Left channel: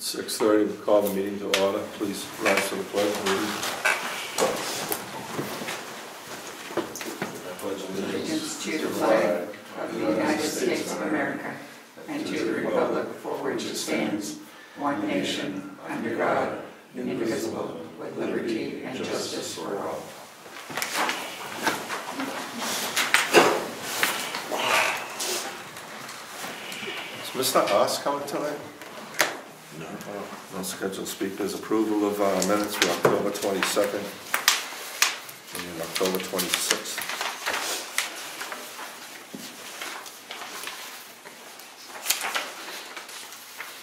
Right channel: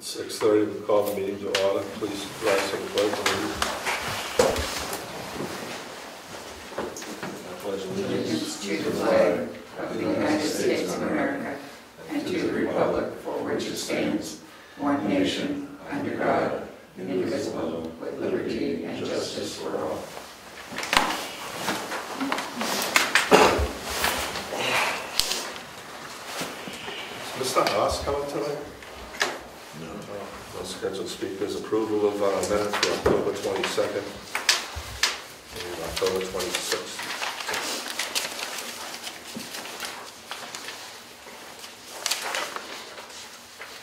6:30, we call the meeting to order. Please rise to the pledge. Allegiance to the flag of the United States of America and to the republic for which it stands, one nation, under God, indivisible, with liberty and justice for all. Is Mr. Haas coming tonight? No. No scheduled speakers. Approval of minutes for October 22nd and October 26th.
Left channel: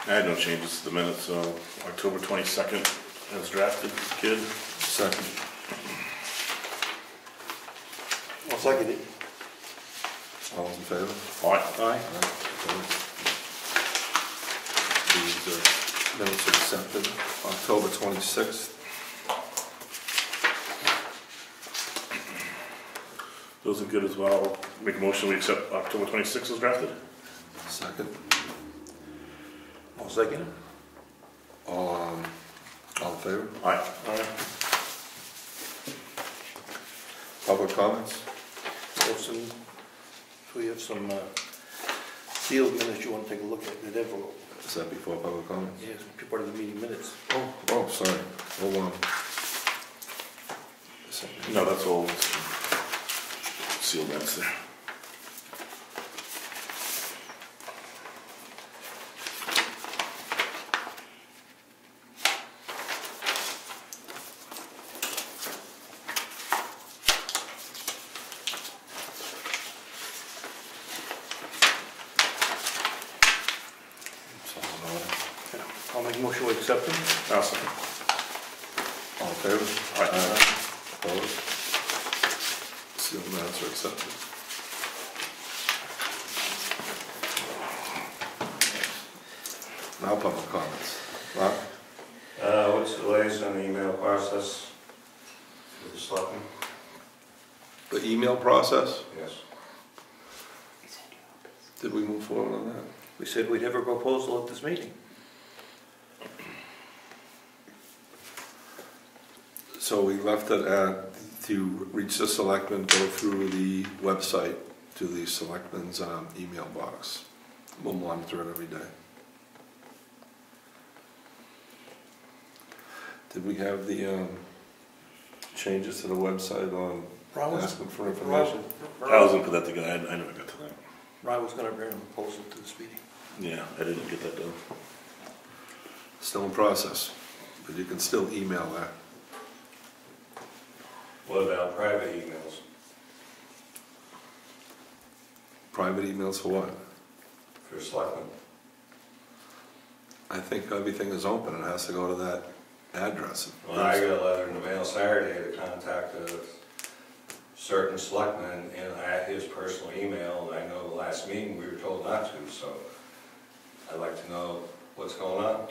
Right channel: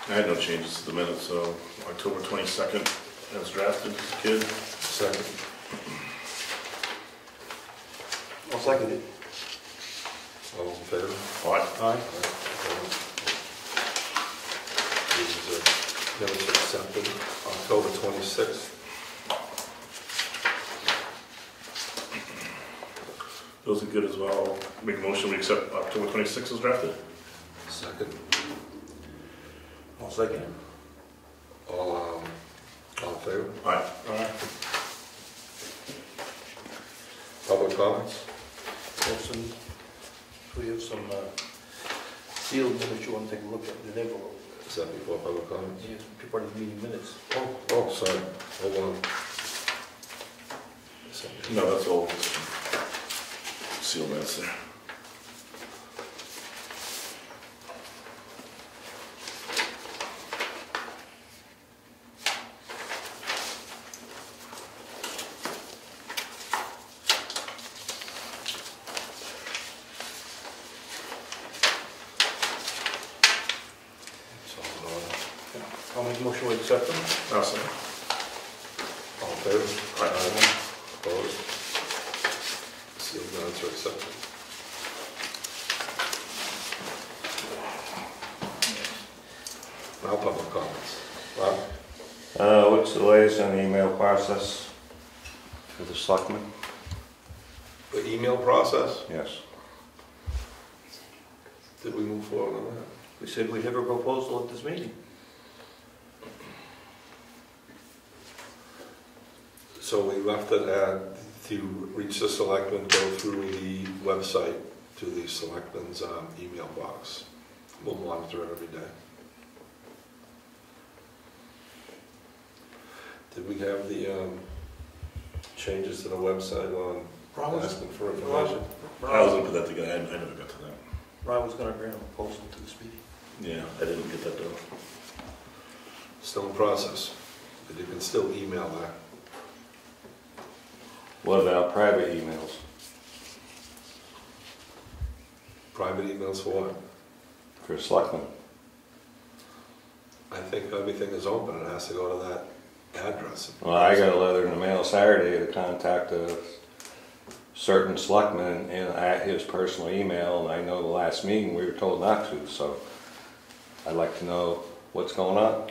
I had no changes to the minutes, so October 22nd as drafted, kid. Second. I'll second it. All those in favor? Aye. Aye. These minutes are accepted. October 26th. Those are good as well. Make a motion we accept October 26th as drafted. Second. I'll second it. All in favor? Aye. Public comments? We have some sealed minutes you want to take a look at, the envelope. Is that before public comments? Yes, part of the meeting minutes. Oh, sorry. Hold on. No, that's all. Seal minutes there. I'll make a motion to accept them. I'll second. All in favor? Aye. Opposed? Sealed minutes are accepted. Now public comments. Rob? What's the latest on the email process for the selectmen? The email process? Yes. Did we move forward on that? We said we'd have a proposal at this meeting. So we left it at, to reach the selectmen, go through the website to the selectmen's email box. We'll monitor it every day. Did we have the changes to the website on asking for information? I was going to put that together. I never got to that. Rob was going to bring a proposal to this meeting. Yeah, I didn't get that done. Still in process, but you can still email that. What about private emails? Private emails for what? For selectmen? I think everything is open and it has to go to that address. Well, I got a letter in the mail Saturday to contact a certain selectman at his personal email, and I know the last meeting we were told not to, so I'd like to know what's going on.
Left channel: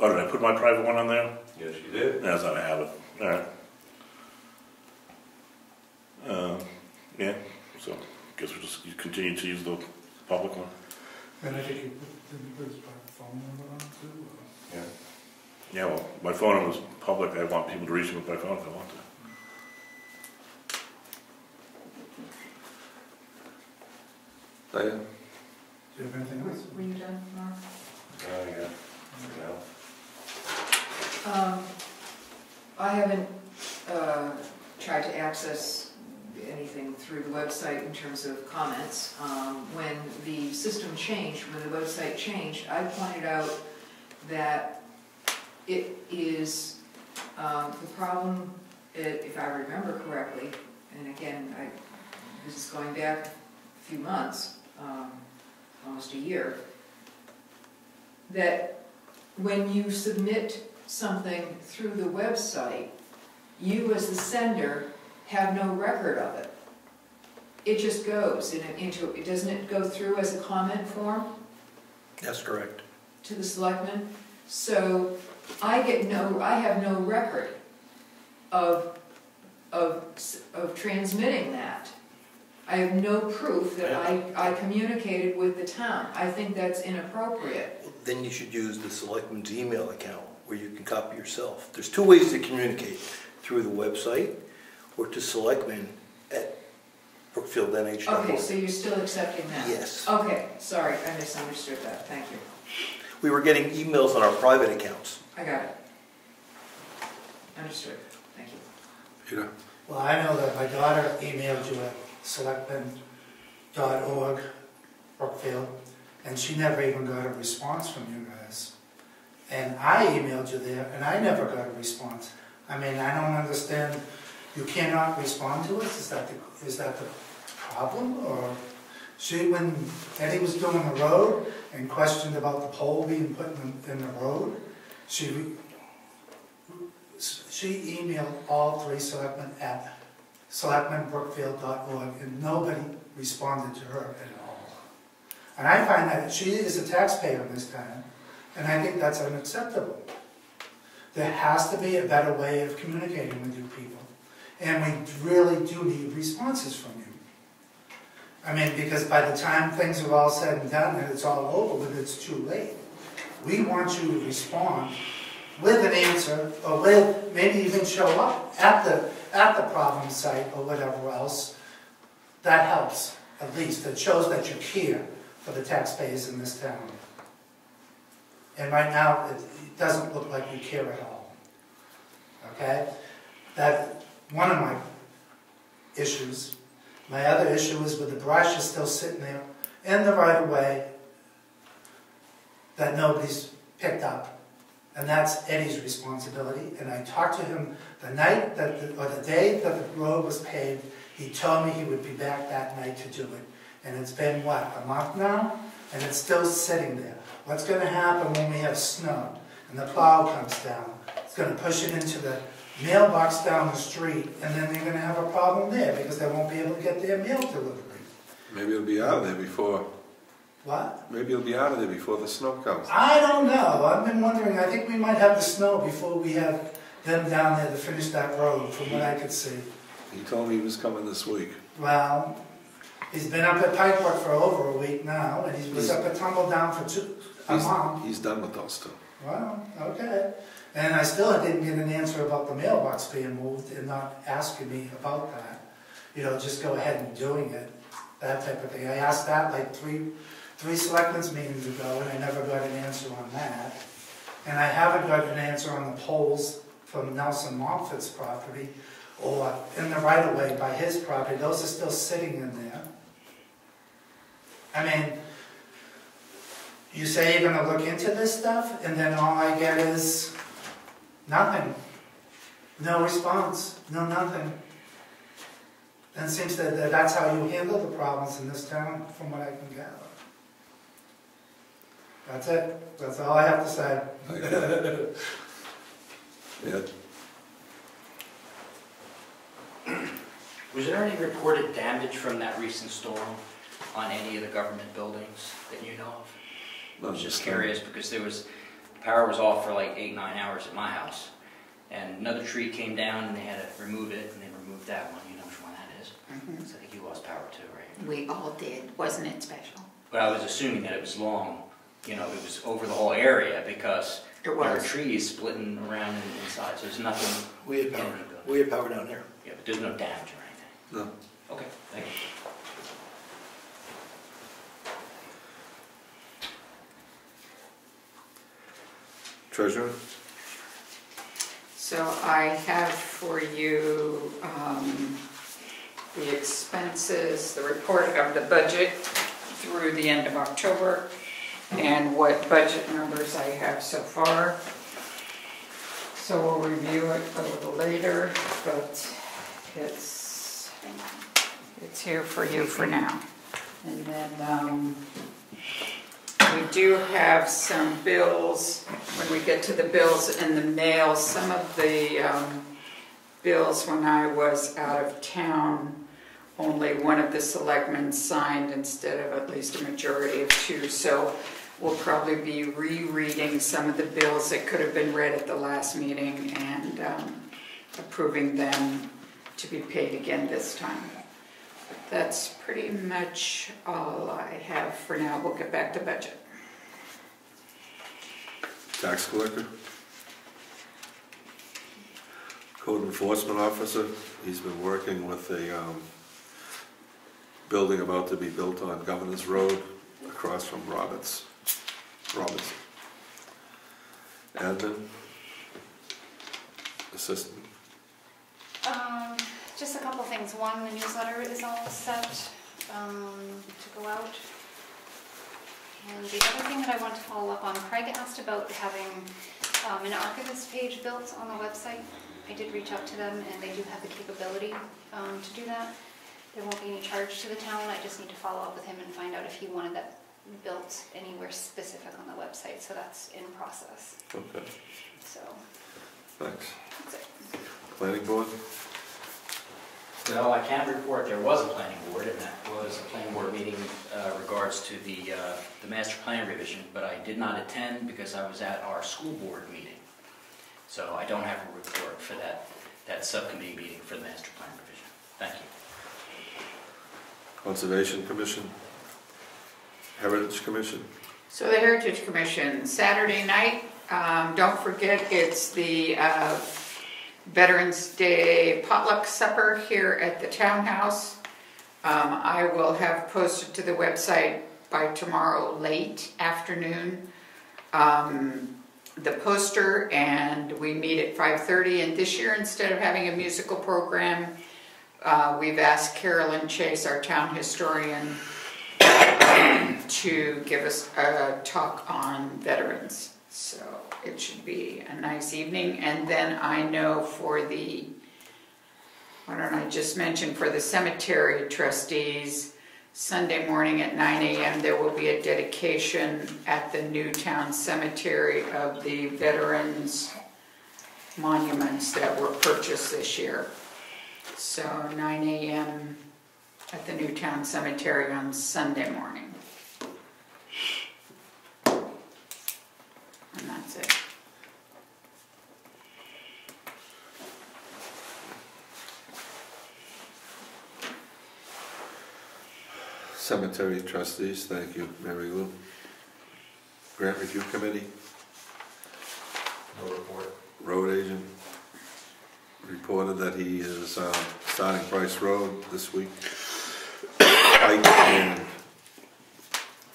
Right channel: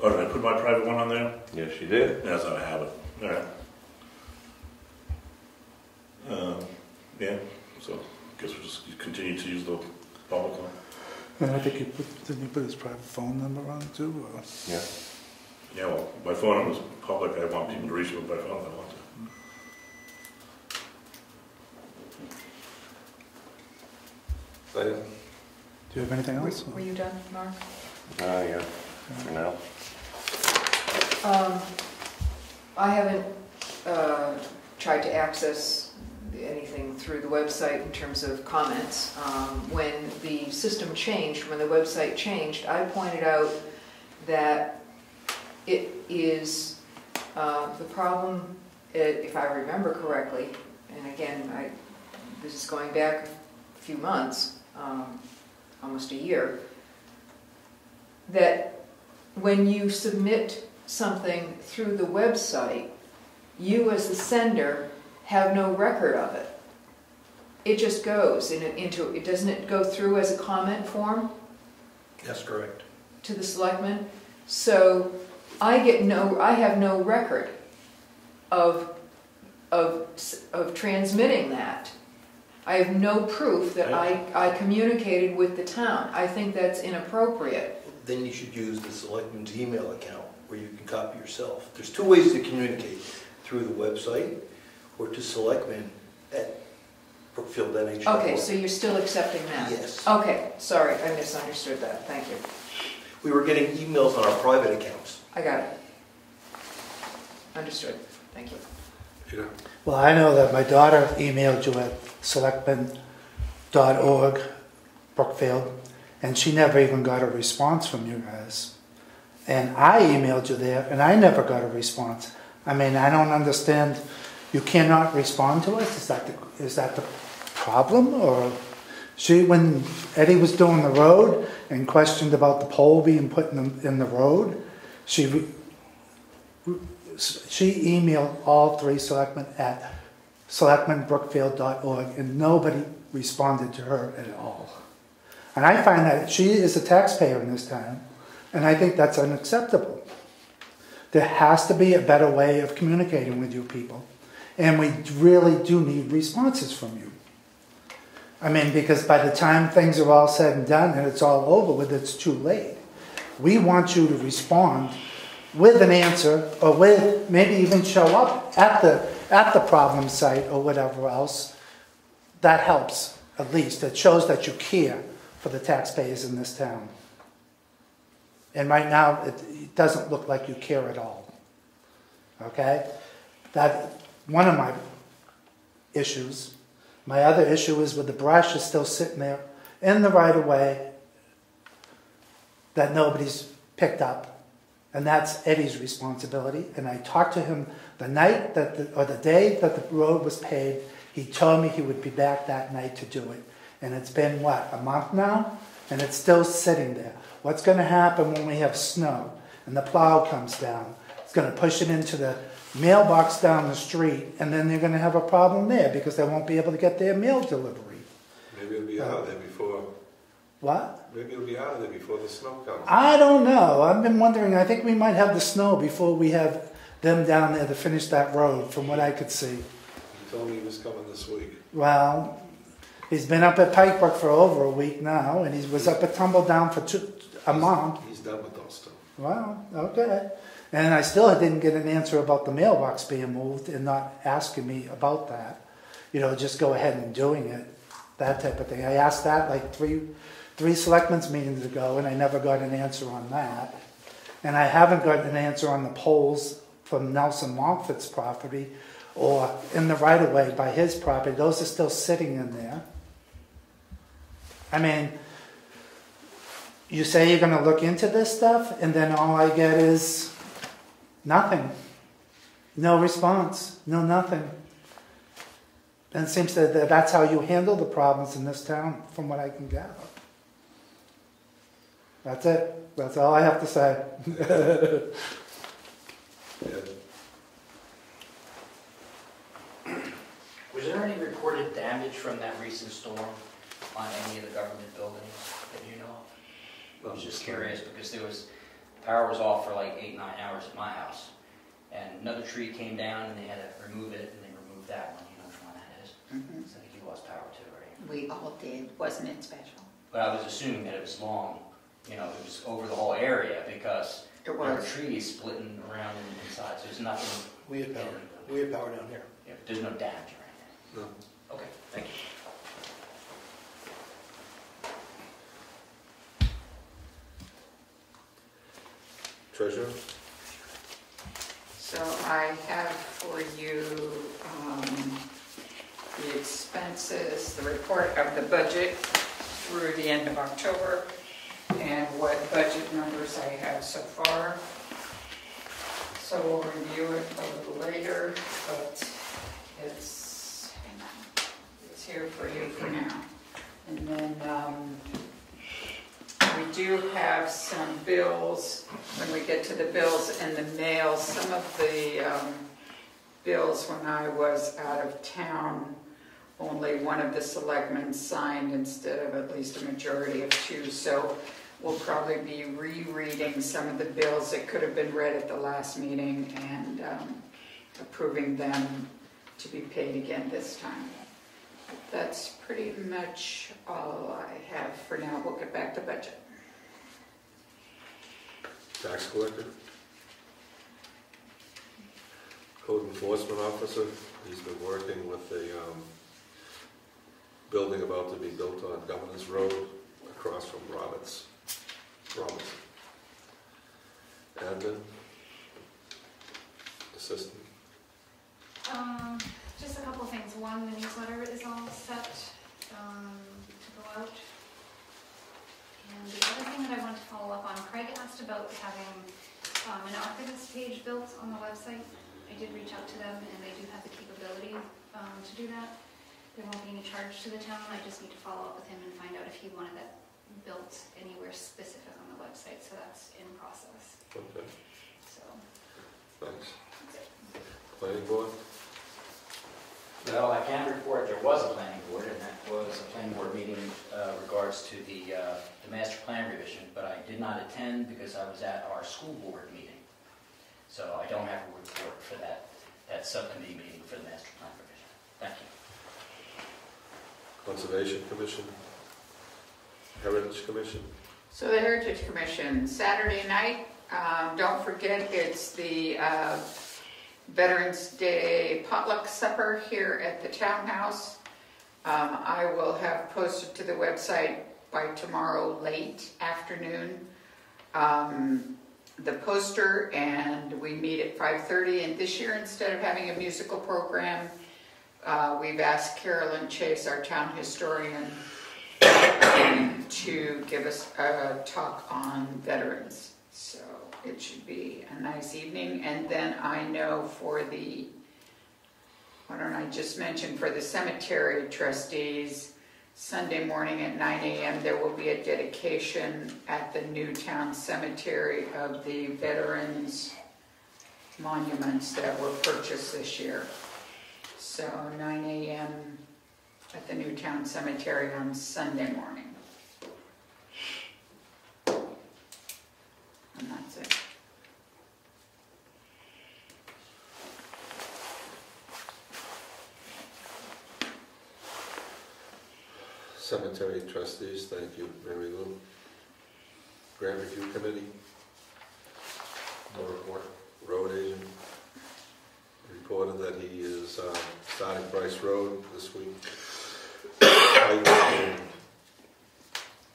Oh, did I put my private one on there? Yes, you did. That's how I have it. All right. Yeah, so I guess we'll just continue to use the public one. And I think didn't you put his private phone number on too? Or? Yeah. Yeah, well, my phone number was public. I want people to reach me with my phone if I want to. Yeah. Do you have anything else? Were you done, Mark? Yeah, for now. I haven't tried to access anything through the website in terms of comments. When the system changed, when the website changed, I pointed out that it is the problem, if I remember correctly, and again, this is going back a few months, almost a year, that when you submit something through the website, you as the sender have no record of it. It just goes into it. Doesn't it go through as a comment form? That's correct. To the selectmen. So I have no record of transmitting that. I have no proof that I communicated with the town. I think that's inappropriate. Then you should use the selectman's email account where you can copy yourself. There's two ways to communicate, through the website or to selectmen@brookfieldnh.org. Okay, so you're still accepting that? Yes. Okay, sorry, I misunderstood that. Thank you. We were getting emails on our private accounts. I got it. Understood. Thank you. Peter? Well, I know that my daughter emailed you at selectmen.org, Brookfield, and she never even got a response from you guys. And I emailed you there, and I never got a response. I mean, I don't understand. You cannot respond to us? Is that the problem? Or when Eddie was doing the road and questioned about the pole being put in the road, she emailed all three selectmen at selectmenbrookfield.org, and nobody responded to her at all. And I find that she is a taxpayer in this town, and I think that's unacceptable. There has to be a better way of communicating with you people, and we really do need responses from you. I mean, because by the time things are all said and done and it's all over with, it's too late. We want you to respond with an answer, or with maybe even show up at the problem site or whatever else. That helps, at least. It shows that you care for the taxpayers in this town. And right now, it doesn't look like you care at all. Okay? That's one of my issues. My other issue is with the brush is still sitting there in the right of way that nobody's picked up. And that's Eddie's responsibility. And I talked to him the night or the day that the road was paved. He told me he would be back that night to do it. And it's been, what, a month now? And it's still sitting there. What's going to happen when we have snow and the plow comes down? It's going to push it into the mailbox down the street, and then they're going to have a problem there because they won't be able to get their mail delivery. Maybe it'll be out of there before. What? Maybe it'll be out of there before the snow comes. I don't know. I've been wondering. I think we might have the snow before we have them down there to finish that road, from what I could see. He told me he was coming this week. Well, he's been up at Pike Brook for over a week now, and he was up at Tumbledown for a month. He's done with those two. Wow, okay. And I still didn't get an answer about the mailbox being moved and not asking me about that. You know, just go ahead and doing it, that type of thing. I asked that like three selectmen's meetings ago, and I never got an answer on that. And I haven't got an answer on the poles from Nelson Montfort's property or in the right-of-way by his property. Those are still sitting in there. I mean, you say you're going to look into this stuff, and then all I get is nothing. No response. No nothing. And it seems that that's how you handle the problems in this town, from what I can gather. That's it. That's all I have to say. Yeah. Was there any reported damage from that recent storm on any of the government buildings that you know of? I was just curious because the power was off for like 8-9 hours at my house, and another tree came down and they had to remove it, and they removed that one. You know which one that is? Mm-hmm. So I think you lost power too, right? We all did. Wasn't it special? But I was assuming that it was long, you know, it was over the whole area because It there were was. trees splitting around inside, so there's nothing. We had power. We had power down there. Yeah, but there's no damage or anything. No. Okay, thank you. Treasurer? So I have for you the expenses, the report of the budget through the end of October, and what budget numbers I have so far. So we'll review it a little later, but it's here for you for now. And then we do have some bills. When we get to the bills in the mail, some of the bills when I was out of town, only one of the selectmen signed instead of at least a majority of two. So we'll probably be rereading some of the bills that could have been read at the last meeting and approving them to be paid again this time. That's pretty much all I have for now. We'll get back to budget. Tax collector. Code enforcement officer, he's been working with a building about to be built on Governor's Road across from Robinson. Admin. Assistant. Just a couple things. One, the newsletter is all set to go out. And the other thing that I want to follow up on, Craig asked about having an archivist page built on the website. I did reach out to them, and they do have the capability to do that. There won't be any charge to the town. I just need to follow up with him and find out if he wanted that built anywhere specific on the website. So that's in process. Okay. So Thanks. that's it. Planning board. Well, I can report there was a planning board, and that was a planning board meeting regards to the master plan revision, but I did not attend because I was at our school board meeting. So I don't have a report for that subcommittee meeting for the master plan revision. Thank you. Conservation Commission. Heritage Commission. So the Heritage Commission, Saturday night, don't forget it's the Veterans Day potluck supper here at the townhouse. I will have posted to the website by tomorrow late afternoon the poster, and we meet at 5:30. And this year, instead of having a musical program, we've asked Carolyn Chase, our town historian, to give us a talk on veterans. So it should be a nice evening. And then I know for the, why don't I just mention, for the cemetery trustees, Sunday morning at 9 a.m. there will be a dedication at the Newtown Cemetery of the veterans monuments that were purchased this year. So 9 a.m. at the Newtown Cemetery on Sunday morning. And that's it. Cemetery trustees, thank you, Mary Lou. Grant Review Committee. No report. Road agent reported that he is starting Bryce Road this week. Pike and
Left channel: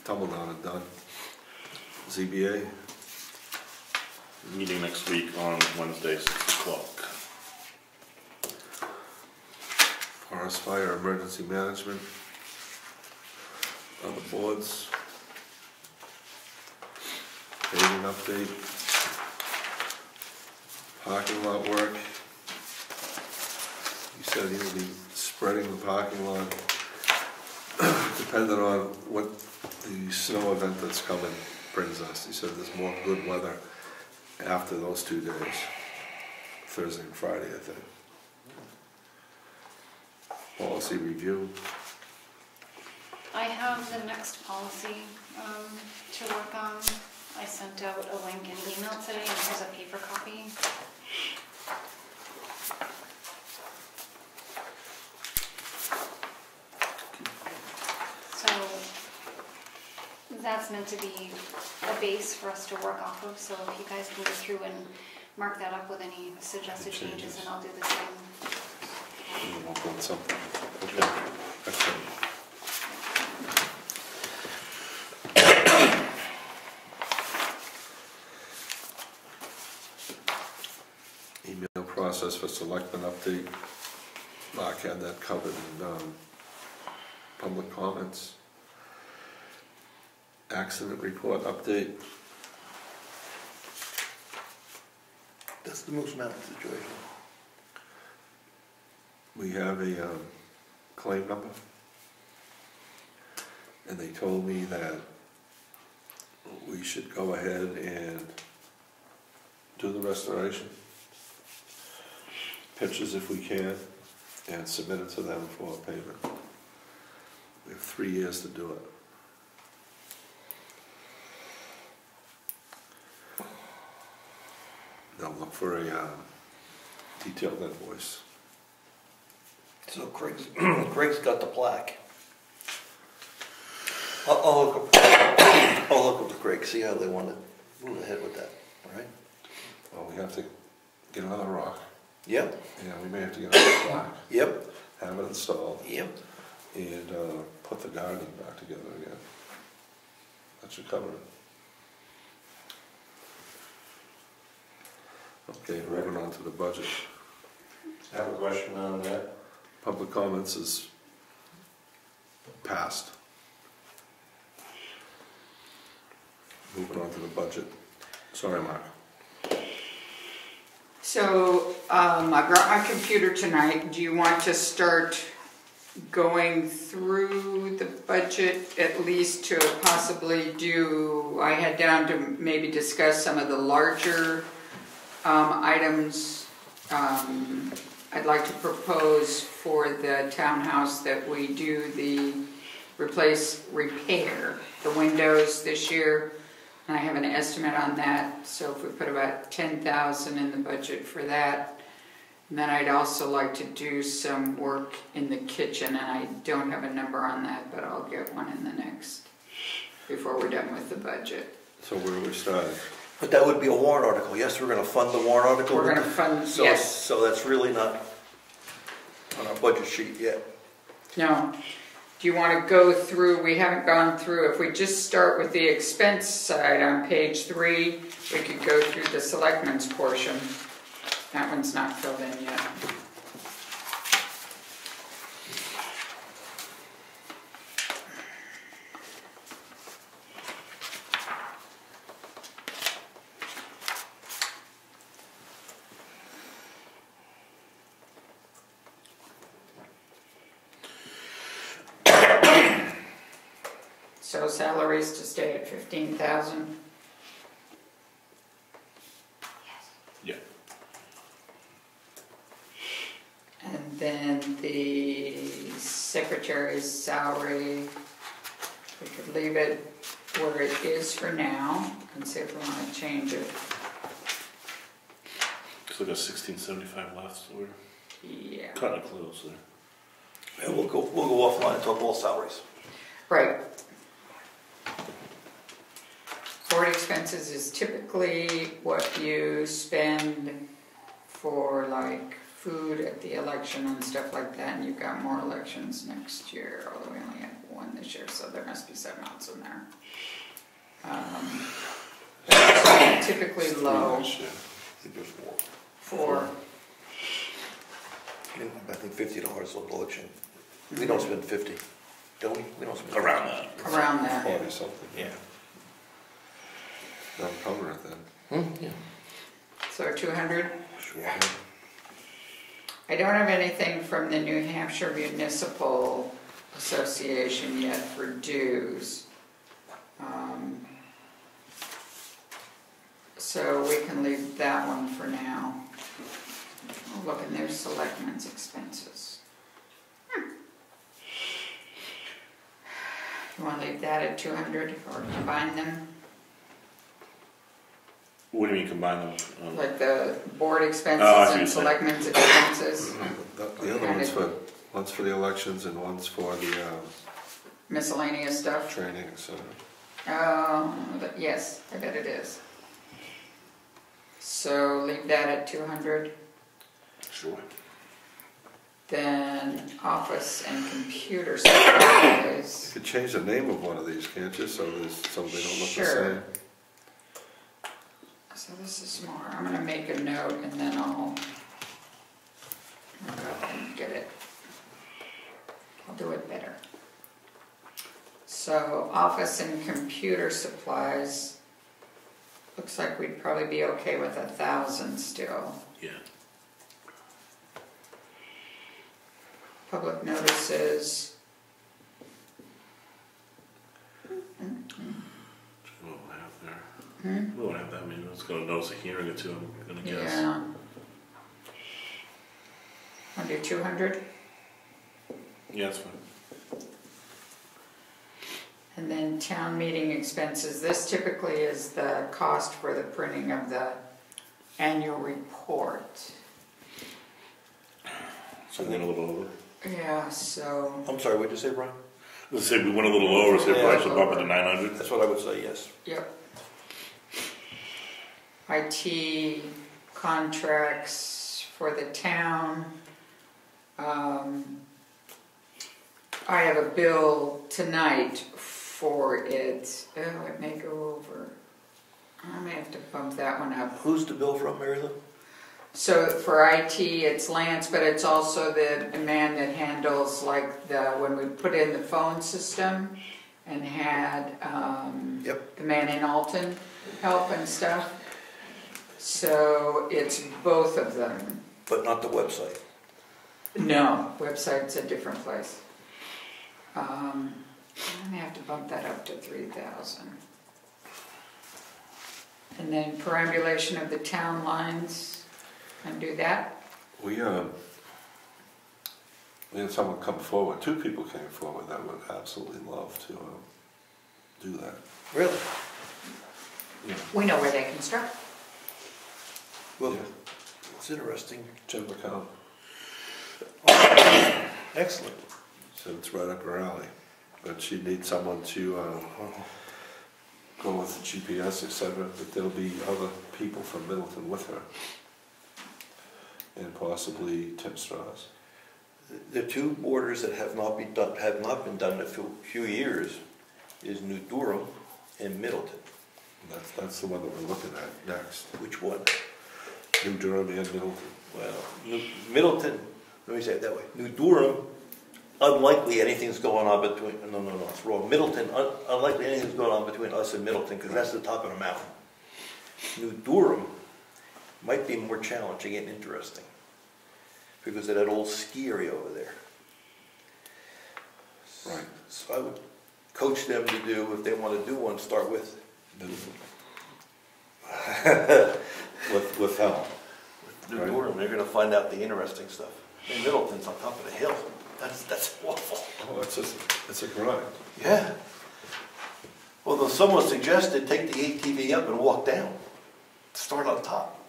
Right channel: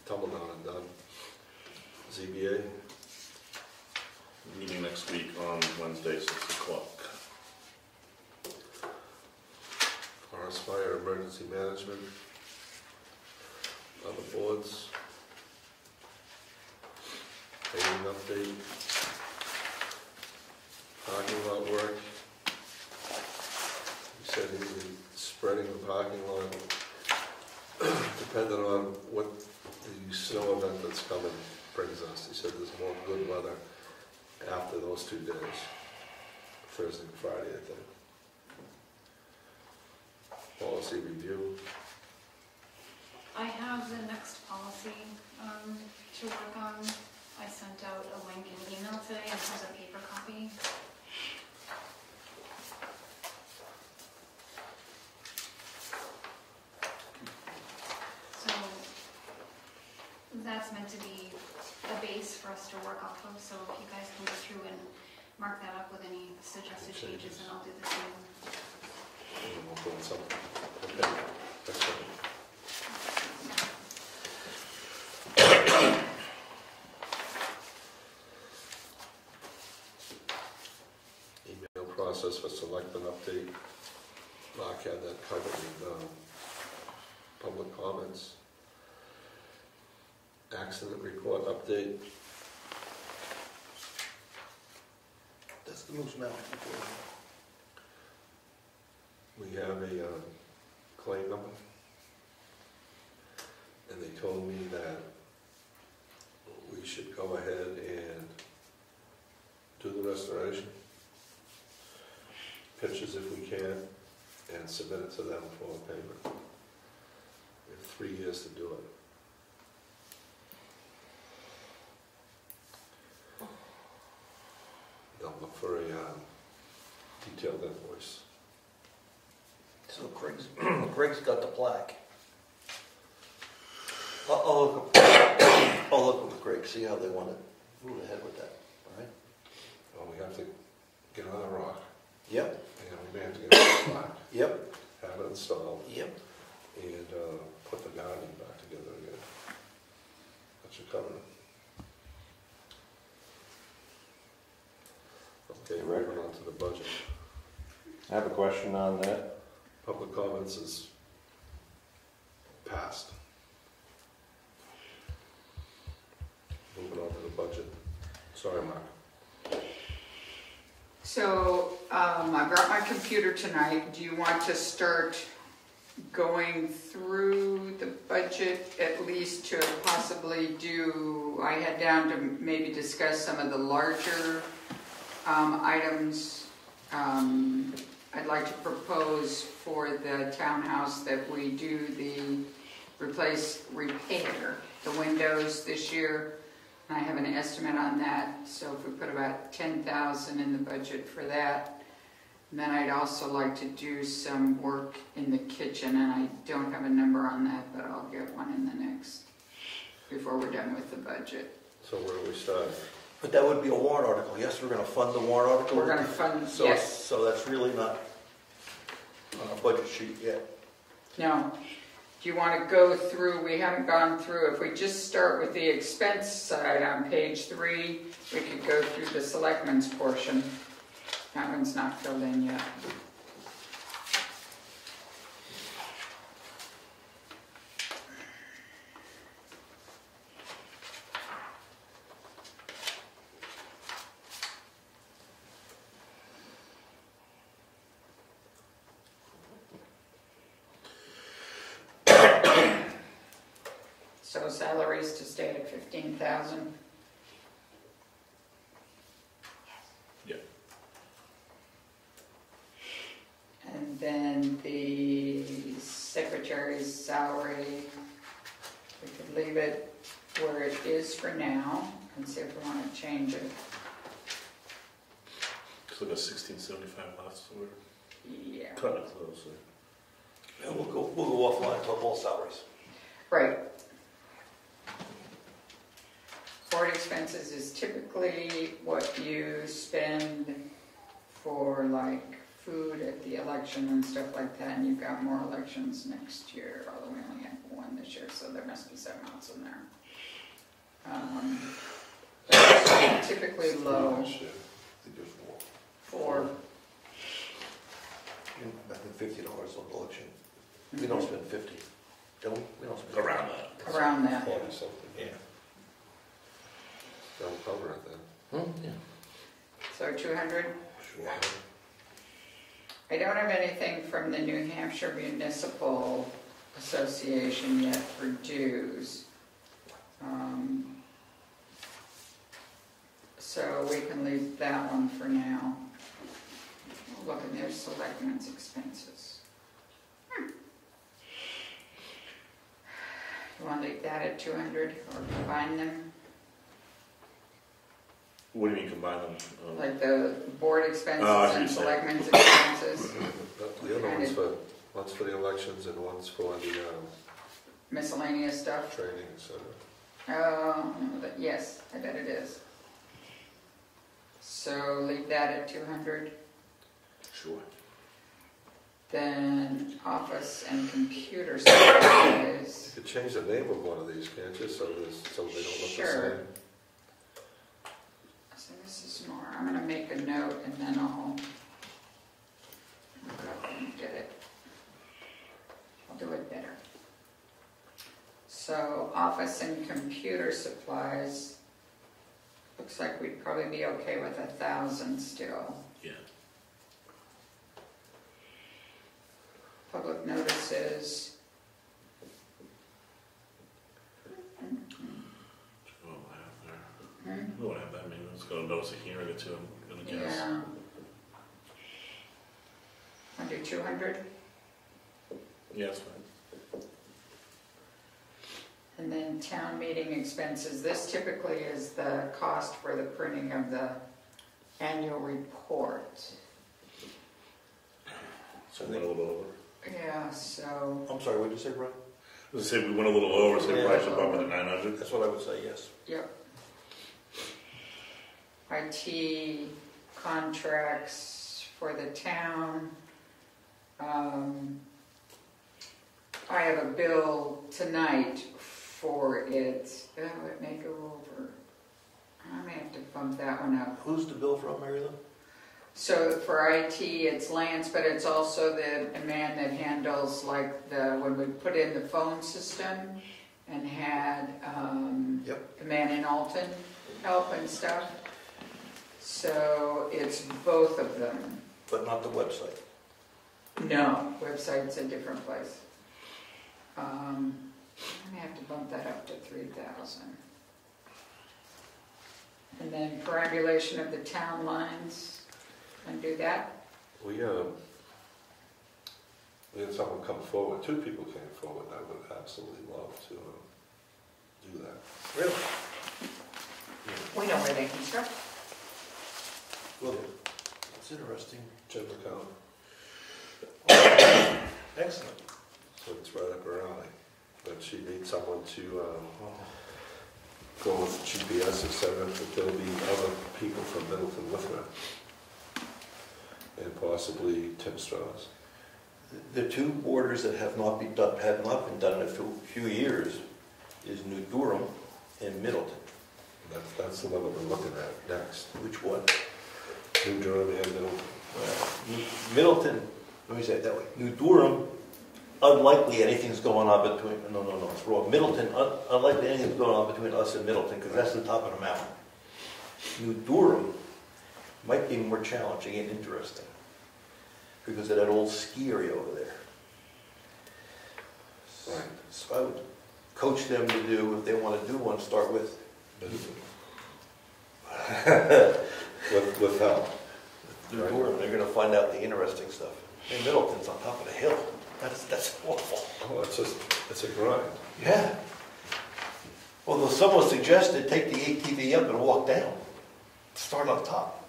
Tumbledown and done. ZBA. Meeting next week on Wednesday, 6 o'clock. Forest Fire Emergency Management. Other boards. Paving update. Parking lot work. You said he would be spreading the parking lot, depending on what the snow event that's coming brings us. He said there's more good weather after those 2 days, Thursday and Friday, I think. Policy review. I have the next policy to work on. I sent out a link in email today, and here's a paper copy. So that's meant to be a base for us to work off of, so if you guys can go through and mark that up with any suggested changes, and I'll do the same. And we'll build something. Okay. Excellent. Email process for selectmen update. Mark had that covered in public comments. Accident report update. That's the Moose Mountain situation. We have a claim number, and they told me that we should go ahead and do the restoration, pictures if we can, and submit it to them for payment. We have 3 years to do it. They'll look for a detailed invoice. So Craig's got the plaque. I'll look up with Craig, see how they want to move ahead with that, all right? Well, we have to get another rock. Yep, Yeah, we may have to get another plaque, yep, have it installed, yep. and put the gardening back together again. That should cover it. Okay, moving on to the budget. I have a question on that. Public comments is passed. Moving on to the budget. Sorry, Mark. So, I brought my computer tonight. Do you want to start going through the budget, at least to possibly do, I had down to maybe discuss some of the larger items. I'd like to propose for the townhouse that we do the repair the windows this year. And I have an estimate on that, so if we put about $10,000 in the budget for that. And then I'd also like to do some work in the kitchen, and I don't have a number on that, but I'll get one in the next, before we're done with the budget. So where do we start? But that would be a warrant article. Yes, we're gonna fund the warrant article. We're gonna fund, So, yes. so that's really not on our budget sheet yet. No. Do you want to go through, we haven't gone through, if we just start with the expense side on page 3, we could go through the selectmen's portion. That one's not filled in yet. So salaries to stay at 15,000. Yeah. And then the secretary's salary, we could leave it where it is for now and see if we want to change it. Still got 1675 left, so we're Yeah. cutting it close there. And we'll go offline and talk all salaries. Right. Board expenses is typically what you spend for like food at the election and stuff like that, and you've got more elections next year, although we only had one this year, so there must be some else in there. It's typically low Last year. I think there's more. for, I think $50 on the election. We don't spend 50, don't we? We don't spend Around that. around that. 40 something. Yeah. That'll cover it then. Yeah. So 200. Sure. I don't have anything from the New Hampshire Municipal Association yet for dues. So we can leave that one for now. We'll look in their selectmen's expenses. You want to leave that at 200 or combine them? What do you mean combine them? Like the board expenses Oh, I see and what you're selectmen's expenses? The other one's for the elections and one's for the Miscellaneous stuff? training, etc. Yes, I bet it is. So leave that at 200. Sure. Then office and computer You supplies. could change the name of one of these, can't you, so they don't look the Sure. same? So this is more, I'm gonna make a note and then I'll go and get it. I'll do it better. So office and computer supplies, looks like we'd probably be okay with 1,000 still. Yeah. Public notices. We won't have there. We won't have that many. It's going to notice a hearing or two, I'm going to guess. Yeah. Under 200. Yeah, that's fine. And then town meeting expenses. This typically is the cost for the printing of the annual report. Something a little bit over. Yeah, so, I'm sorry, what did you say, Brian? Let's say we went a little lower, say Yeah. probably should bump it to 900. That's what I would say, yes. yep. IT contracts for the town. I have a bill tonight for it. Oh, it may go over. I may have to bump that one up. Who's the bill from, Mary Lou? So for IT, it's Lance, but it's also the man that handles like when we put in the phone system and had the man in Alton help and stuff. So it's both of them. But not the website. No, website's a different place. I may have to bump that up to 3,000. And then perambulation of the town lines, and do that. We had someone come forward, 2 people came forward that would absolutely love to do that. Really? Yeah. We know where they construct. Well, it's interesting. Jim McCown, Excellent. so it's right up her alley. But she needs someone to go with GPS, etc. That there'll be other people from Middleton with her. And possibly Tim Strauss. The 2 borders that have not been done in a few years is New Durham and Middleton. That's the one that we're looking at next. Which one? New Durham and Middleton. Well, Middleton, let me say it that way. New Durham, unlikely anything's going on between, no, it's wrong. Middleton, unlikely anything's going on between us and Middleton, because that's the top of the mountain. New Durham might be more challenging and interesting, because of that old ski area over there. Right. So I would coach them to do, if they want to do one, start with Middleton. with help. New Right. Durham. They're going to find out the interesting stuff. And Middleton's on top of the hill. That's awful. Oh, it's a grind. Yeah. Well, someone suggested take the ATV up and walk down. Start on top.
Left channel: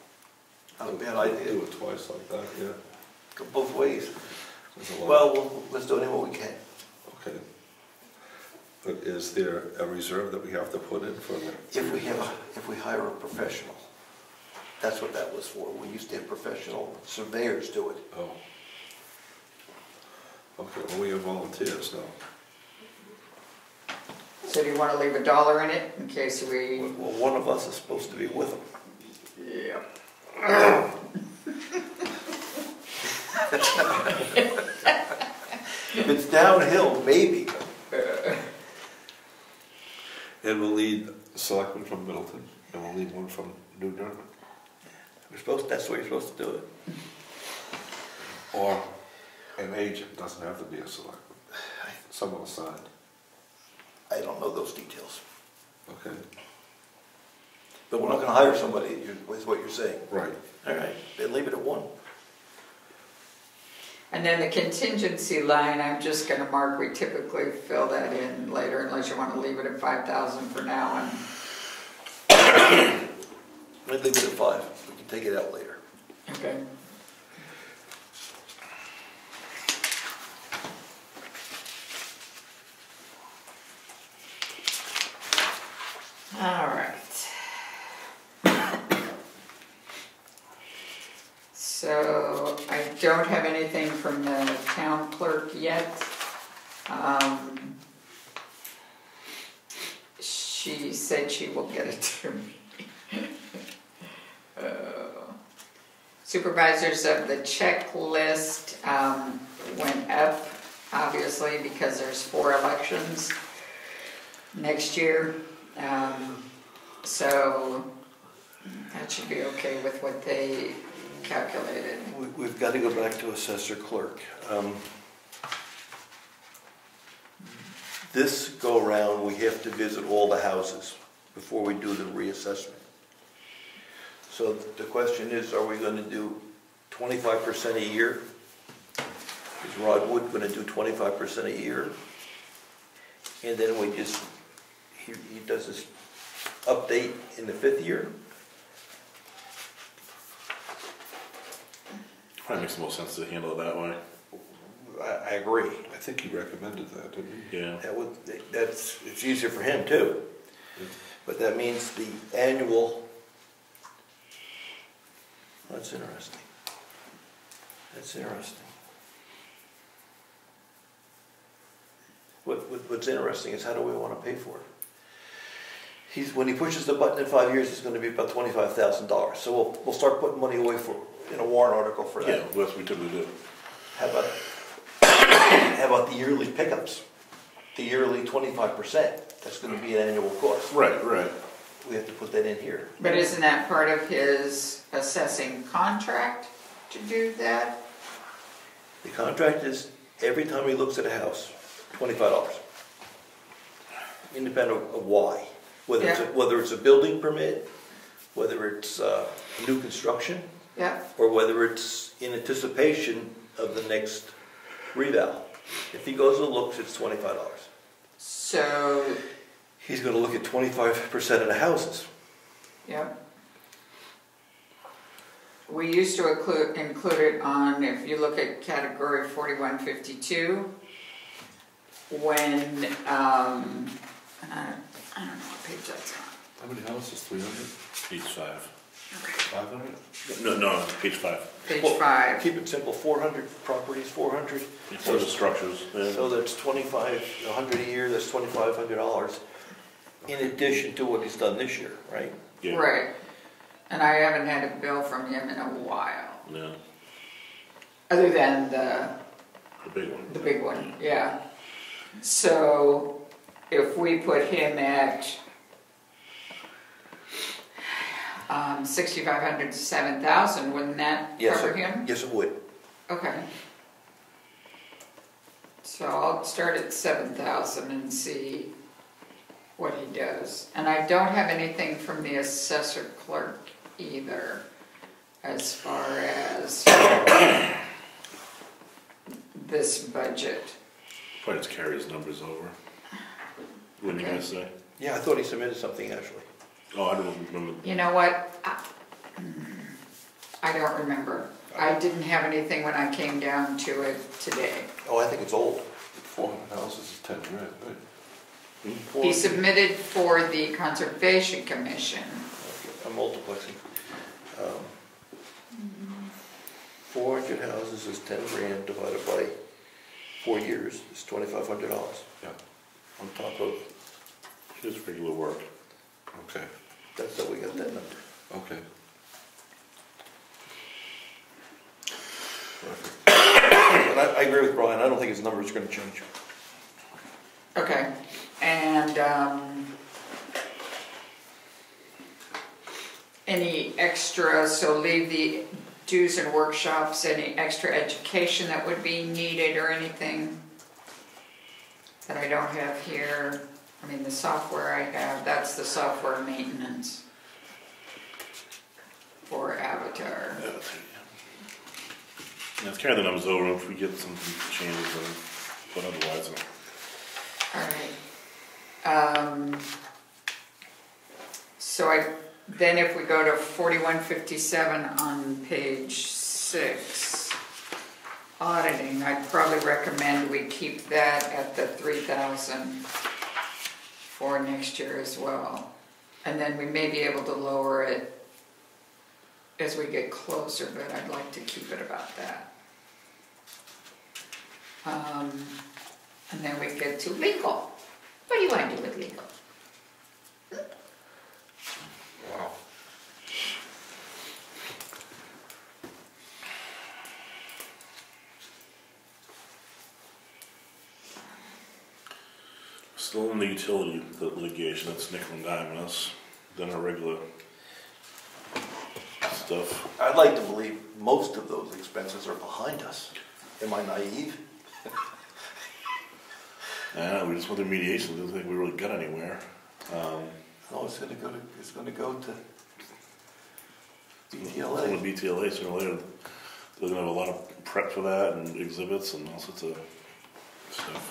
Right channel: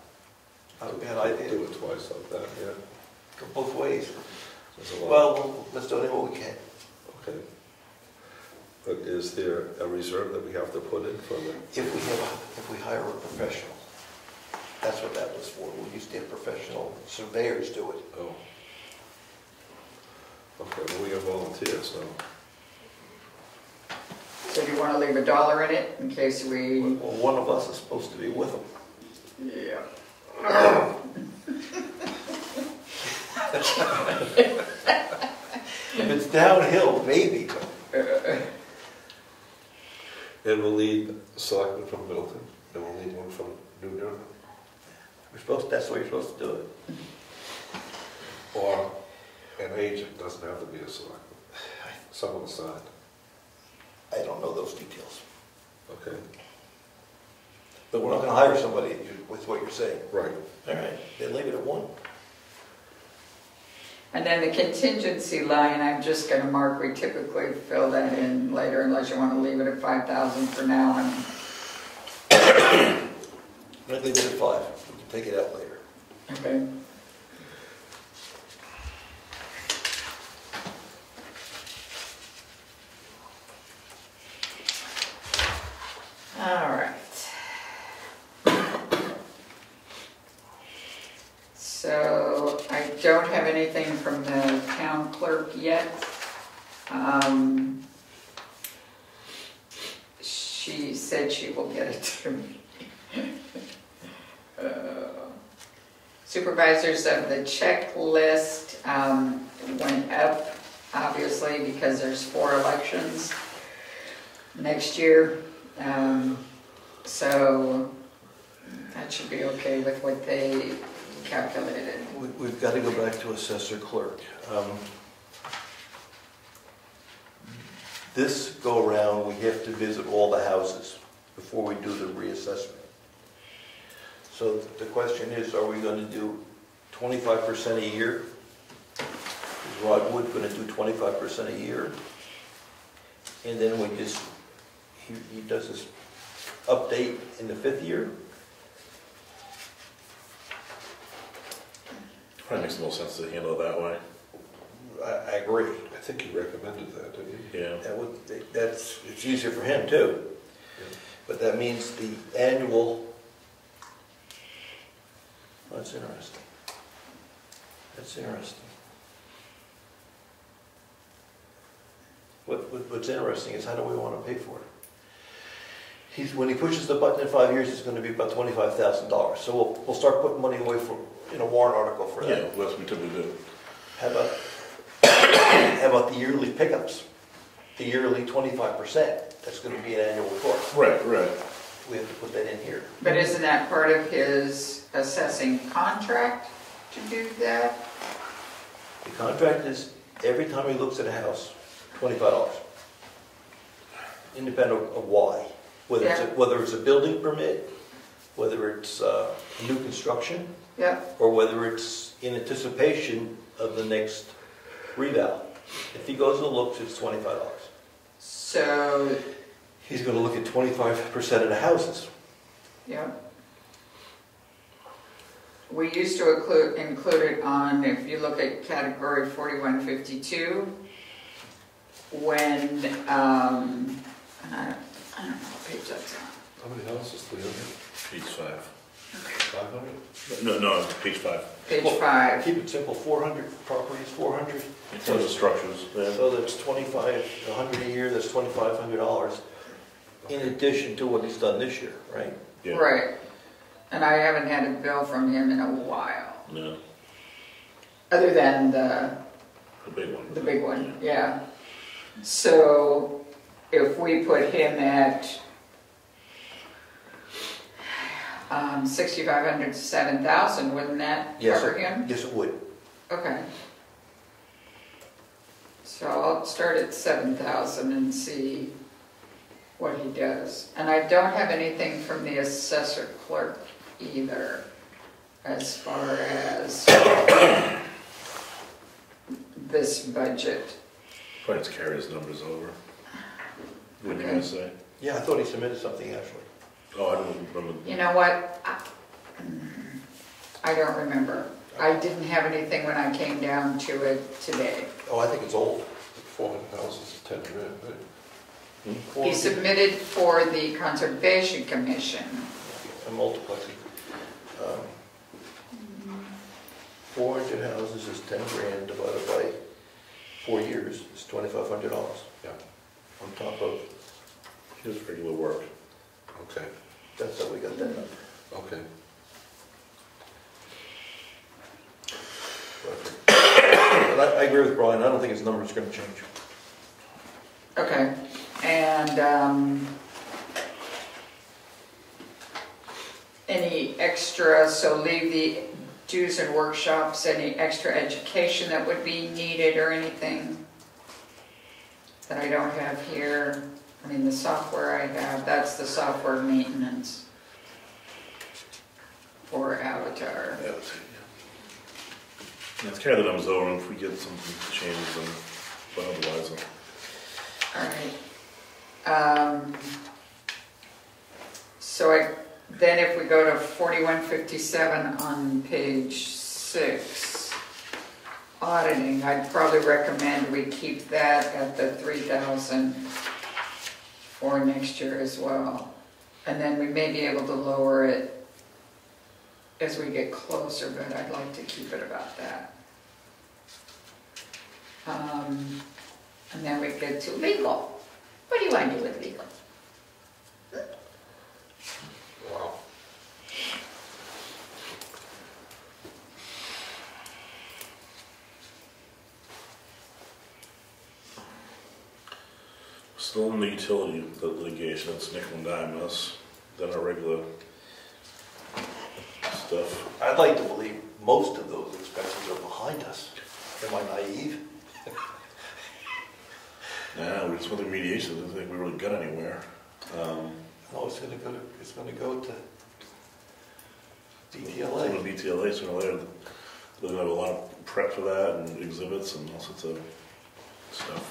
Not a bad idea. Do it twice like that, yeah. Go both ways. There's a lot. Well, let's do what we can. Okay. But is there a reserve that we have to put in for that? If we hire a professional, that's what that was for. We used to have professional surveyors do it. Oh. Okay, well, we have volunteers now. So do you want to leave $1 in it in case we... Well, one of us is supposed to be with them. Yeah. If it's downhill, maybe. And we'll lead Selectmen from Middleton, and we'll lead one from New Durham. That's the way you're supposed to do it. Or an agent, doesn't have to be a selectman. Someone assigned. I don't know those details. Okay. But we're not going to hire somebody, is what you're saying. Right. All right, then leave it at 1. And then the contingency line, I'm just going to mark, we typically fill that in later unless you want to leave it at 5,000 for now. And I'd leave it at 5. We can take it out later. okay. All right. So I don't have anything from the town clerk yet. She said she will get it to me. Supervisors of the checklist went up, obviously, because there's 4 elections next year. So that should be okay with what they calculated. We've got to go back to assessor clerk. This go around, we have to visit all the houses before we do the reassessment. So the question is, are we going to do 25% a year? Is Rod Wood going to do 25% a year? And then we just, he does this update in the 5th year? Probably makes the most sense to handle it that way. I agree. I think he recommended that, didn't he? Yeah. It's easier for him too. But that means the annual, that's interesting. That's interesting. What's interesting is how do we want to pay for it? When he pushes the button in 5 years, it's going to be about $25,000. So we'll start putting money away in a warrant article for that. Yeah, that's what we typically do. How about the yearly pickups? The yearly 25%. That's going to be an annual cost. Right. We have to put that in here. But isn't that part of his assessing contract to do that? The contract is every time he looks at a house, $25. Independent of why. Whether it's a building permit, whether it's new construction, Yeah. or whether it's in anticipation of the next reval. If he goes and looks, it's $25. So, He's going to look at 25% of the houses. yeah. We used to include it on, if you look at category 4152, when, and I don't know what page that's on. How many houses? 300? Page 5. 500? No, page 5. Page Well, 5. Keep it simple, 400 properties, 400. In terms of structures. Yeah. So that's 100 a year, that's $2,500 in addition to what he's done this year, right? Yeah. Right. And I haven't had a bill from him in a while. No, Other than the big one. The big one, yeah. So if we put him at 6,500 to 7,000, wouldn't that cover him? Yes, it would. Okay. So I'll start at 7,000 and see what he does. And I don't have anything from the assessor clerk either, as far as this budget. Probably just carry his numbers over. What did you guys say? Yeah, I thought he submitted something actually. Oh, I don't remember. You know what? I don't remember. I didn't have anything when I came down to it today. Oh, I think it's old. 400 houses is 10 grand, right? He submitted for the Conservation Commission. I'm multiplexing. 400 houses is 10 grand divided by 4 years is $2,500. Yeah. On top of, His regular work. Okay. that's how we got that number. Okay. And I agree with Brian, I don't think his numbers are going to change. Okay. And any extra, so leave the dues and workshops, any extra education that would be needed or anything that I don't have here. I mean, the software I have, that's the software maintenance for Avatar. Yeah, let's carry the numbers over, and if we get some changes, but otherwise. All right. So then if we go to 4157 on page 6, auditing, I'd probably recommend we keep that at the 3,000 for next year as well. And then we may be able to lower it as we get closer, but I'd like to keep it about that. And then we get to legal. What do you want to do with legal? Wow. Still in the utility litigation, that's nickel and dime us than our regular stuff. I'd like to believe most of those expenses are behind us. Am I naive? Yeah, we just went through mediation, didn't think we really got anywhere. No, it's going to go to It's BTLA. going to BTLA sooner or later. They're going to have a lot of prep for that and exhibits and all sorts of stuff.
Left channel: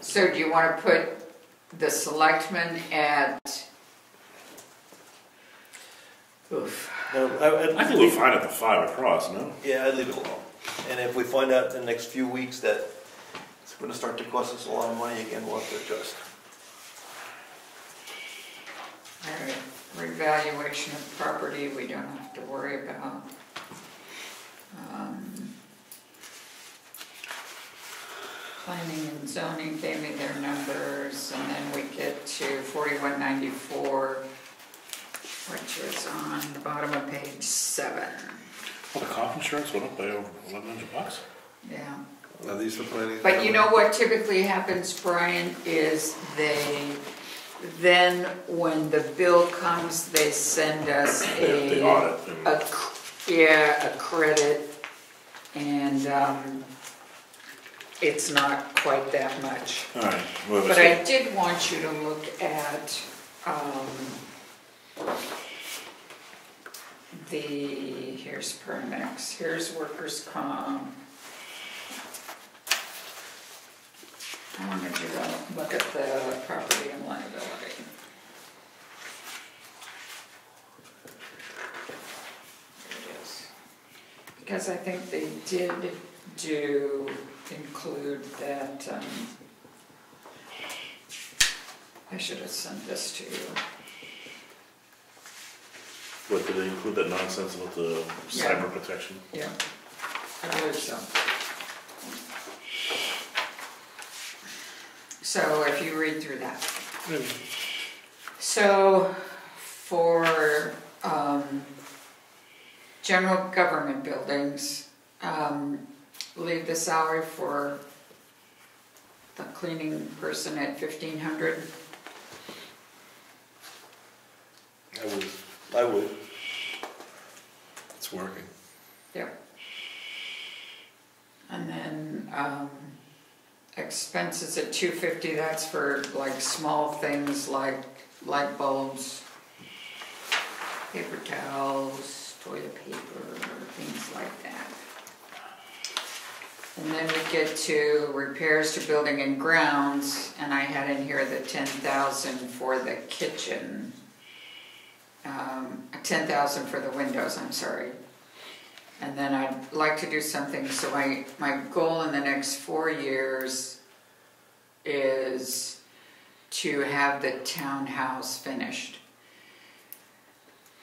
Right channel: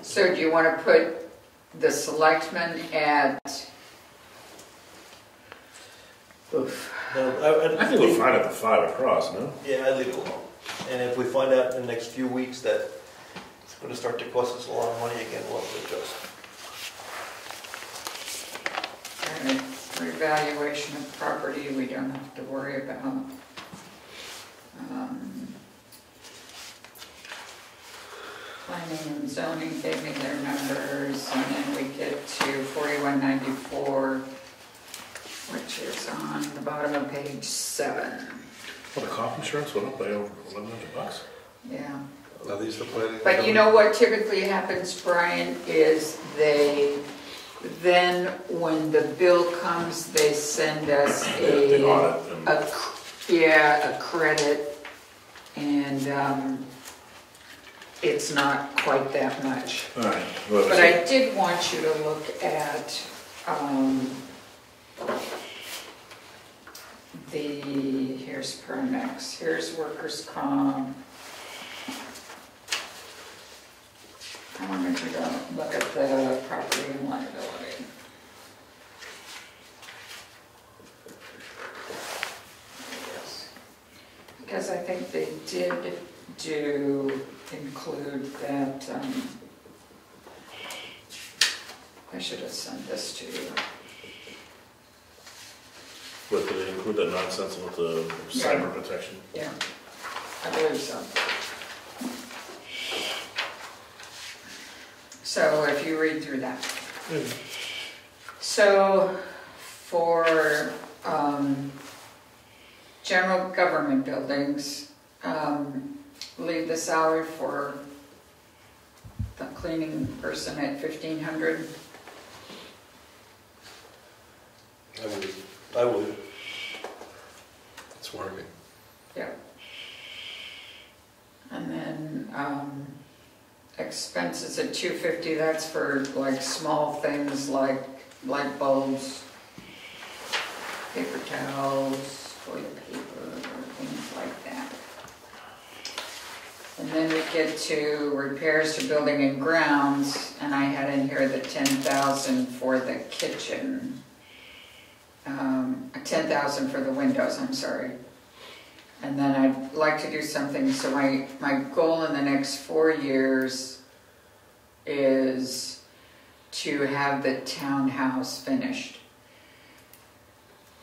So do you want to put the selectmen at, oof, I think we're fine at the 5 across, no? Yeah, I leave it alone. And if we find out in the next few weeks that it's going to start to cost us a lot of money again, we'll have to adjust. Alright, revaluation of property, we don't have to worry about. Planning and zoning gave me their numbers, and then we get to 4194, which is on the bottom of page 7. Well, the crop insurance went up by over $1,100. Yeah. Are these the planning? But you know what typically happens, Brian, is then when the bill comes, they send us The audit. a credit, and it's not quite that much. All right. Well, But I did want you to look at here's Permix, here's workers' comp. I wanted you to look at the property and liability. Yes. Because I think they did include that, I should have sent this to you. But did they include that nonsense with the cyber protection? Yeah, I believe so. So if you read through that. So for general government buildings, leave the salary for the cleaning person at $1,500. I would. It's working. Yeah. And then expenses at $250, that's for like small things like light bulbs, paper towels, toilet paper, things like that. And then we get to repairs to building and grounds, and I had in here the $10,000 for the kitchen. $10,000 for the windows, I'm sorry. And then I'd like to do something, so my goal in the next 4 years is to have the townhouse finished.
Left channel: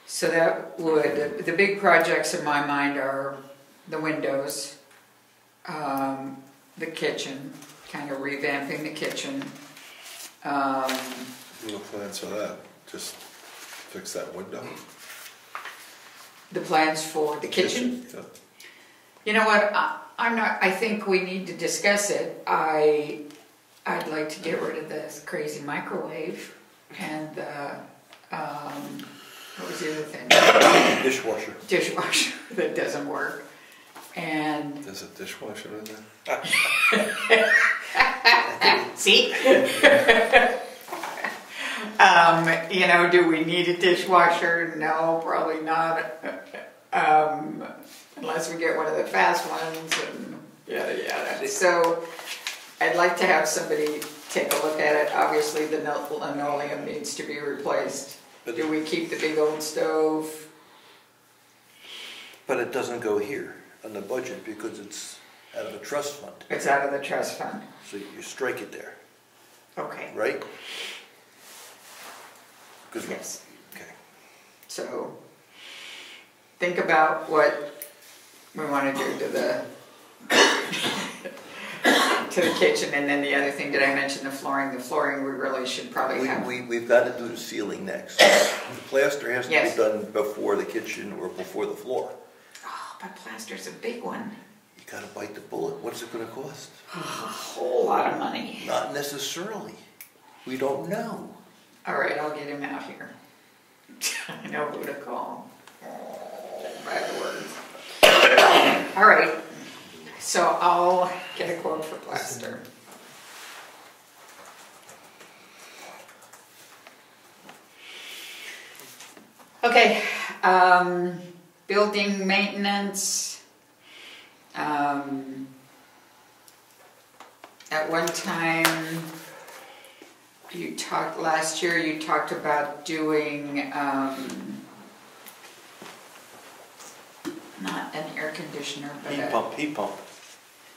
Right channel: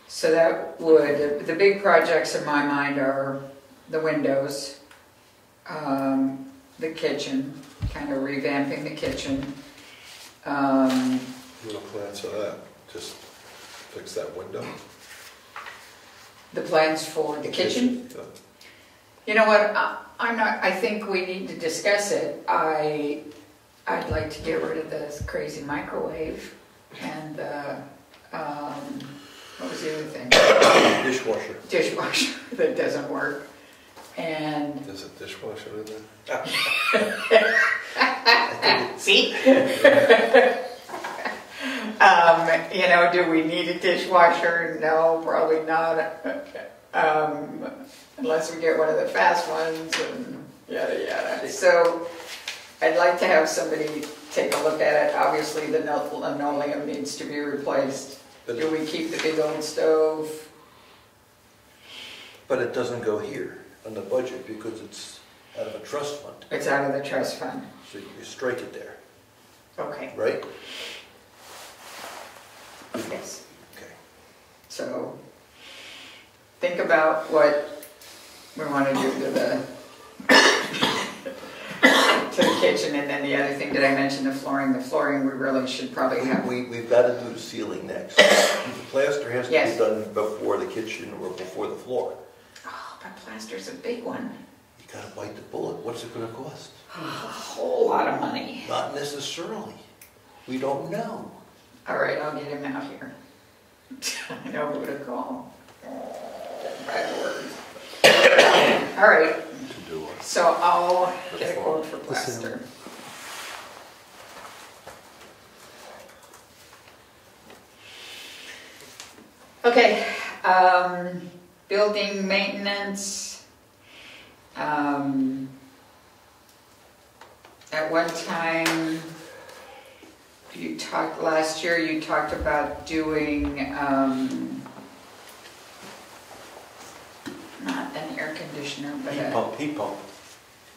So that would, the big projects in my mind are the windows, the kitchen, kind of revamping the kitchen. No plans for that, just fix that window. The plans for the kitchen? Yeah. You know what, I think we need to discuss it. I'd like to get rid of this crazy microwave and what was the other thing? Dishwasher. Dishwasher that doesn't work. And There's a dishwasher in there? see? You know, do we need a dishwasher? No, probably not. Unless we get one of the fast ones and yada yada. So I'd like to have somebody take a look at it. Obviously the linoleum needs to be replaced. Do we keep the big old stove? But it doesn't go here on the budget because it's out of a trust fund. It's out of the trust fund. So you strike it there, Okay. right? Yes. Okay. So think about what we want to do to the kitchen, and then the other thing, did I mention the flooring? The flooring we really should probably have. We've got to do the ceiling next. The plaster has to Yes. be done before the kitchen or before the floor. Oh, but plaster's a big one. You got to bite the bullet. What's it going to cost? A whole lot of money. Not necessarily. We don't know. All right, I'll get him out here. I know who to call. Right word. All right, so I'll get a quote for plaster. Okay, building maintenance. At one time, last year you talked about doing conditioner, but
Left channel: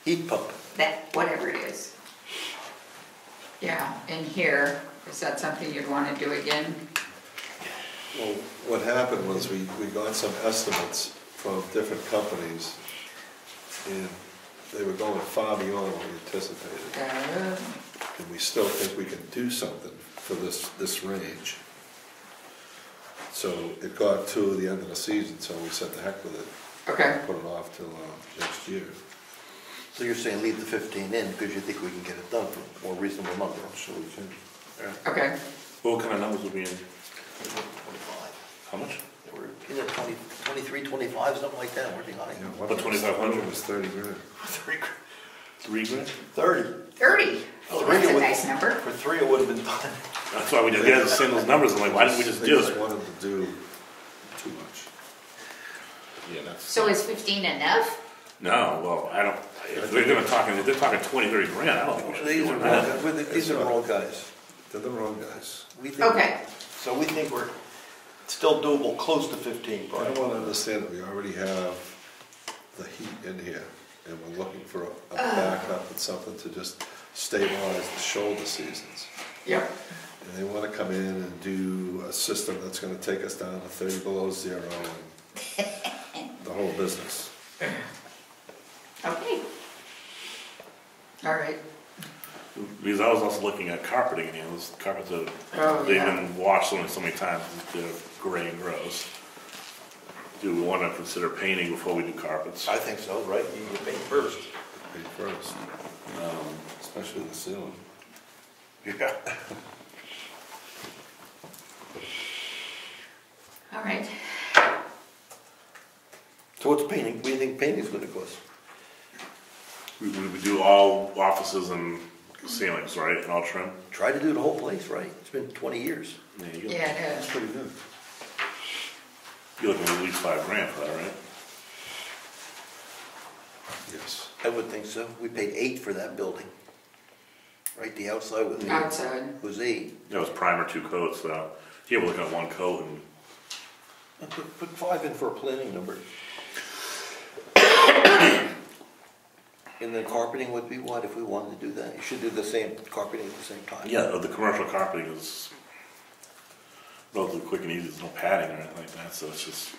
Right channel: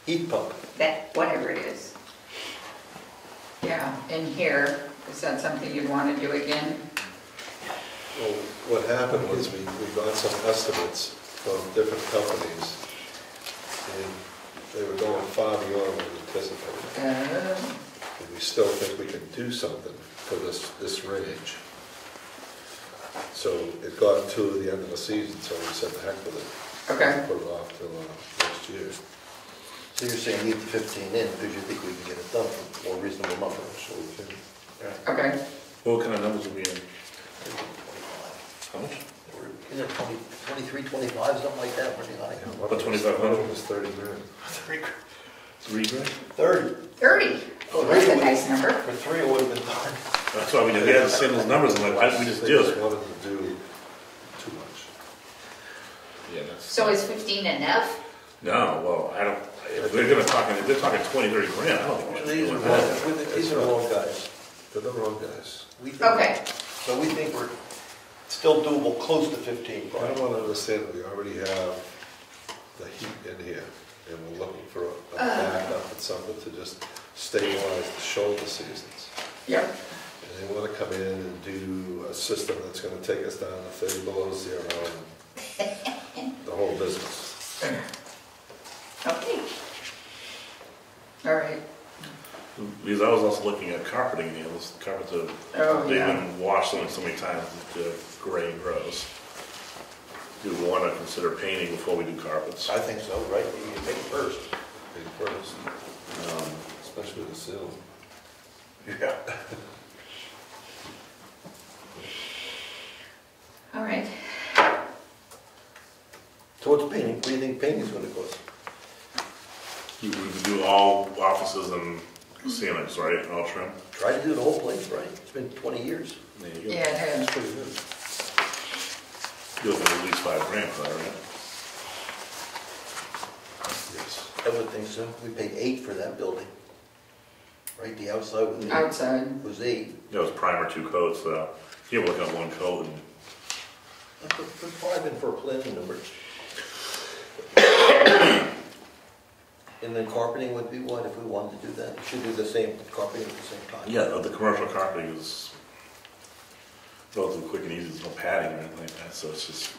Heat pump. that, whatever it is. Yeah, in here, is that something you'd want to do again? Well, what happened was we got some estimates from different companies, and they were going far beyond what we anticipated. And we still think we can do something for this range. So it got to the end of the season, so we said the heck with it. Okay. Put it off till next year. So you're saying leave the 15 in because you think we can get it done for a more reasonable number? So we can, Okay. What kind of numbers are we in? How much? We're either 20, 23, 25, something like that, we're behind. yeah, What, 2,500? was 30 grand. 3 grand? 30. 30. Oh, that's a nice number. For 3 it would have been done. That's why we just had to send those numbers. I'm like, why didn't we just They do just it? wanted to do too much. Yeah, that's. So is 15 enough? No, well, I don't, if they're talking 20, 30 grand, I don't think we should be doing that. These are the wrong guys. They're the wrong guys. We think- Okay. So we think we're still doable, close to 15, I Brian. don't want to understand that we already have the heat in here, and we're looking for a backup and something to just stabilize the shoulder seasons. Yep. And they want to come in and do a system that's going to take us down to 30 below zero and the whole business. Okay. All right. Because I was also looking at carpeting, and those carpets have, Oh, they've yeah. been washed so many times, they're gray and gross. Do we want to consider painting before we do carpets? I think so, right? You think first. Paid first, especially the sill. Yeah. All right. So what's painting? What do you think painting's gonna cost? We do all offices and ceilings, right, all trim? Try to do the whole place, right? It's been 20 years. There you go. Yeah, it is. That's pretty good. You're looking at least 5 grand for that, right? Yes. I would think so. We paid 8 for that building. Right, the outside was 8. Outside. Was 8. That was primer 2 coats, though. Here we're looking at 1 coat, and Put 5 in for a planning number. And then carpeting would be what if we wanted to do that? You should do the same carpeting at the same time. yeah, the commercial carpeting is relatively quick and easy. There's no padding or anything like that, so it's just,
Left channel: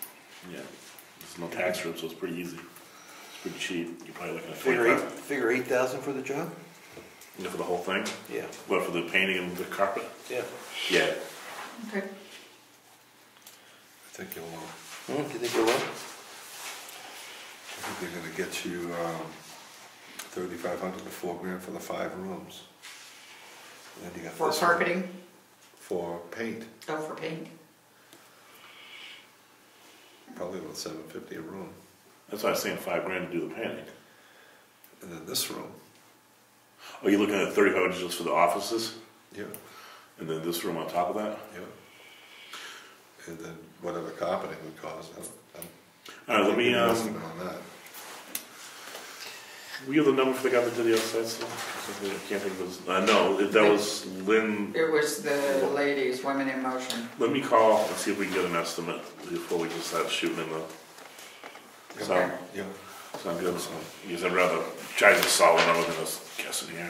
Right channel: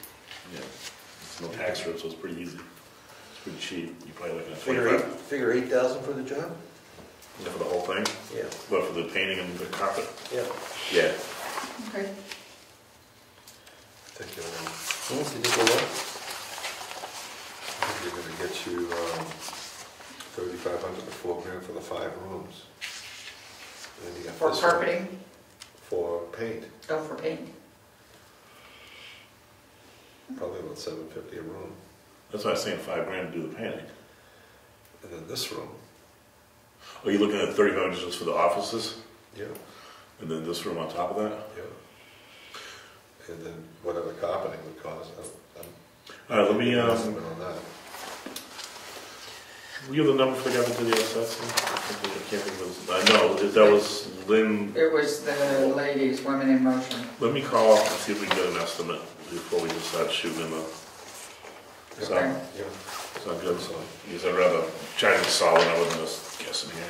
yeah, there's no tax strip, so it's pretty easy. It's pretty cheap. You're probably looking at Figure 8,000 for the job? Yeah, for the whole thing? Yeah. What, for the painting and the carpet? Yeah. Yeah. Okay. I think you'll, You think you'll what? I think you're going to get you 3,500 to 4 grand for the 5 rooms. And then you got For this one carpeting? For paint, Oh, for paint. probably about 750 a room. That's why I was saying 5 grand to do the painting. And then this room, Are you looking at 3,500 just for the offices? yeah, And then this room on top of that? yeah. And then whatever carpeting would cost. Let me, an estimate on that. we have the number for the guy that did the assessment? I can't think of it. I know, that was Lynn. It was the ladies, Women in Motion. Let me call and see if we can get an estimate before we just start shooting in the, sound, Yeah. sound good? So, because I'd rather try to solid number than just guessing here.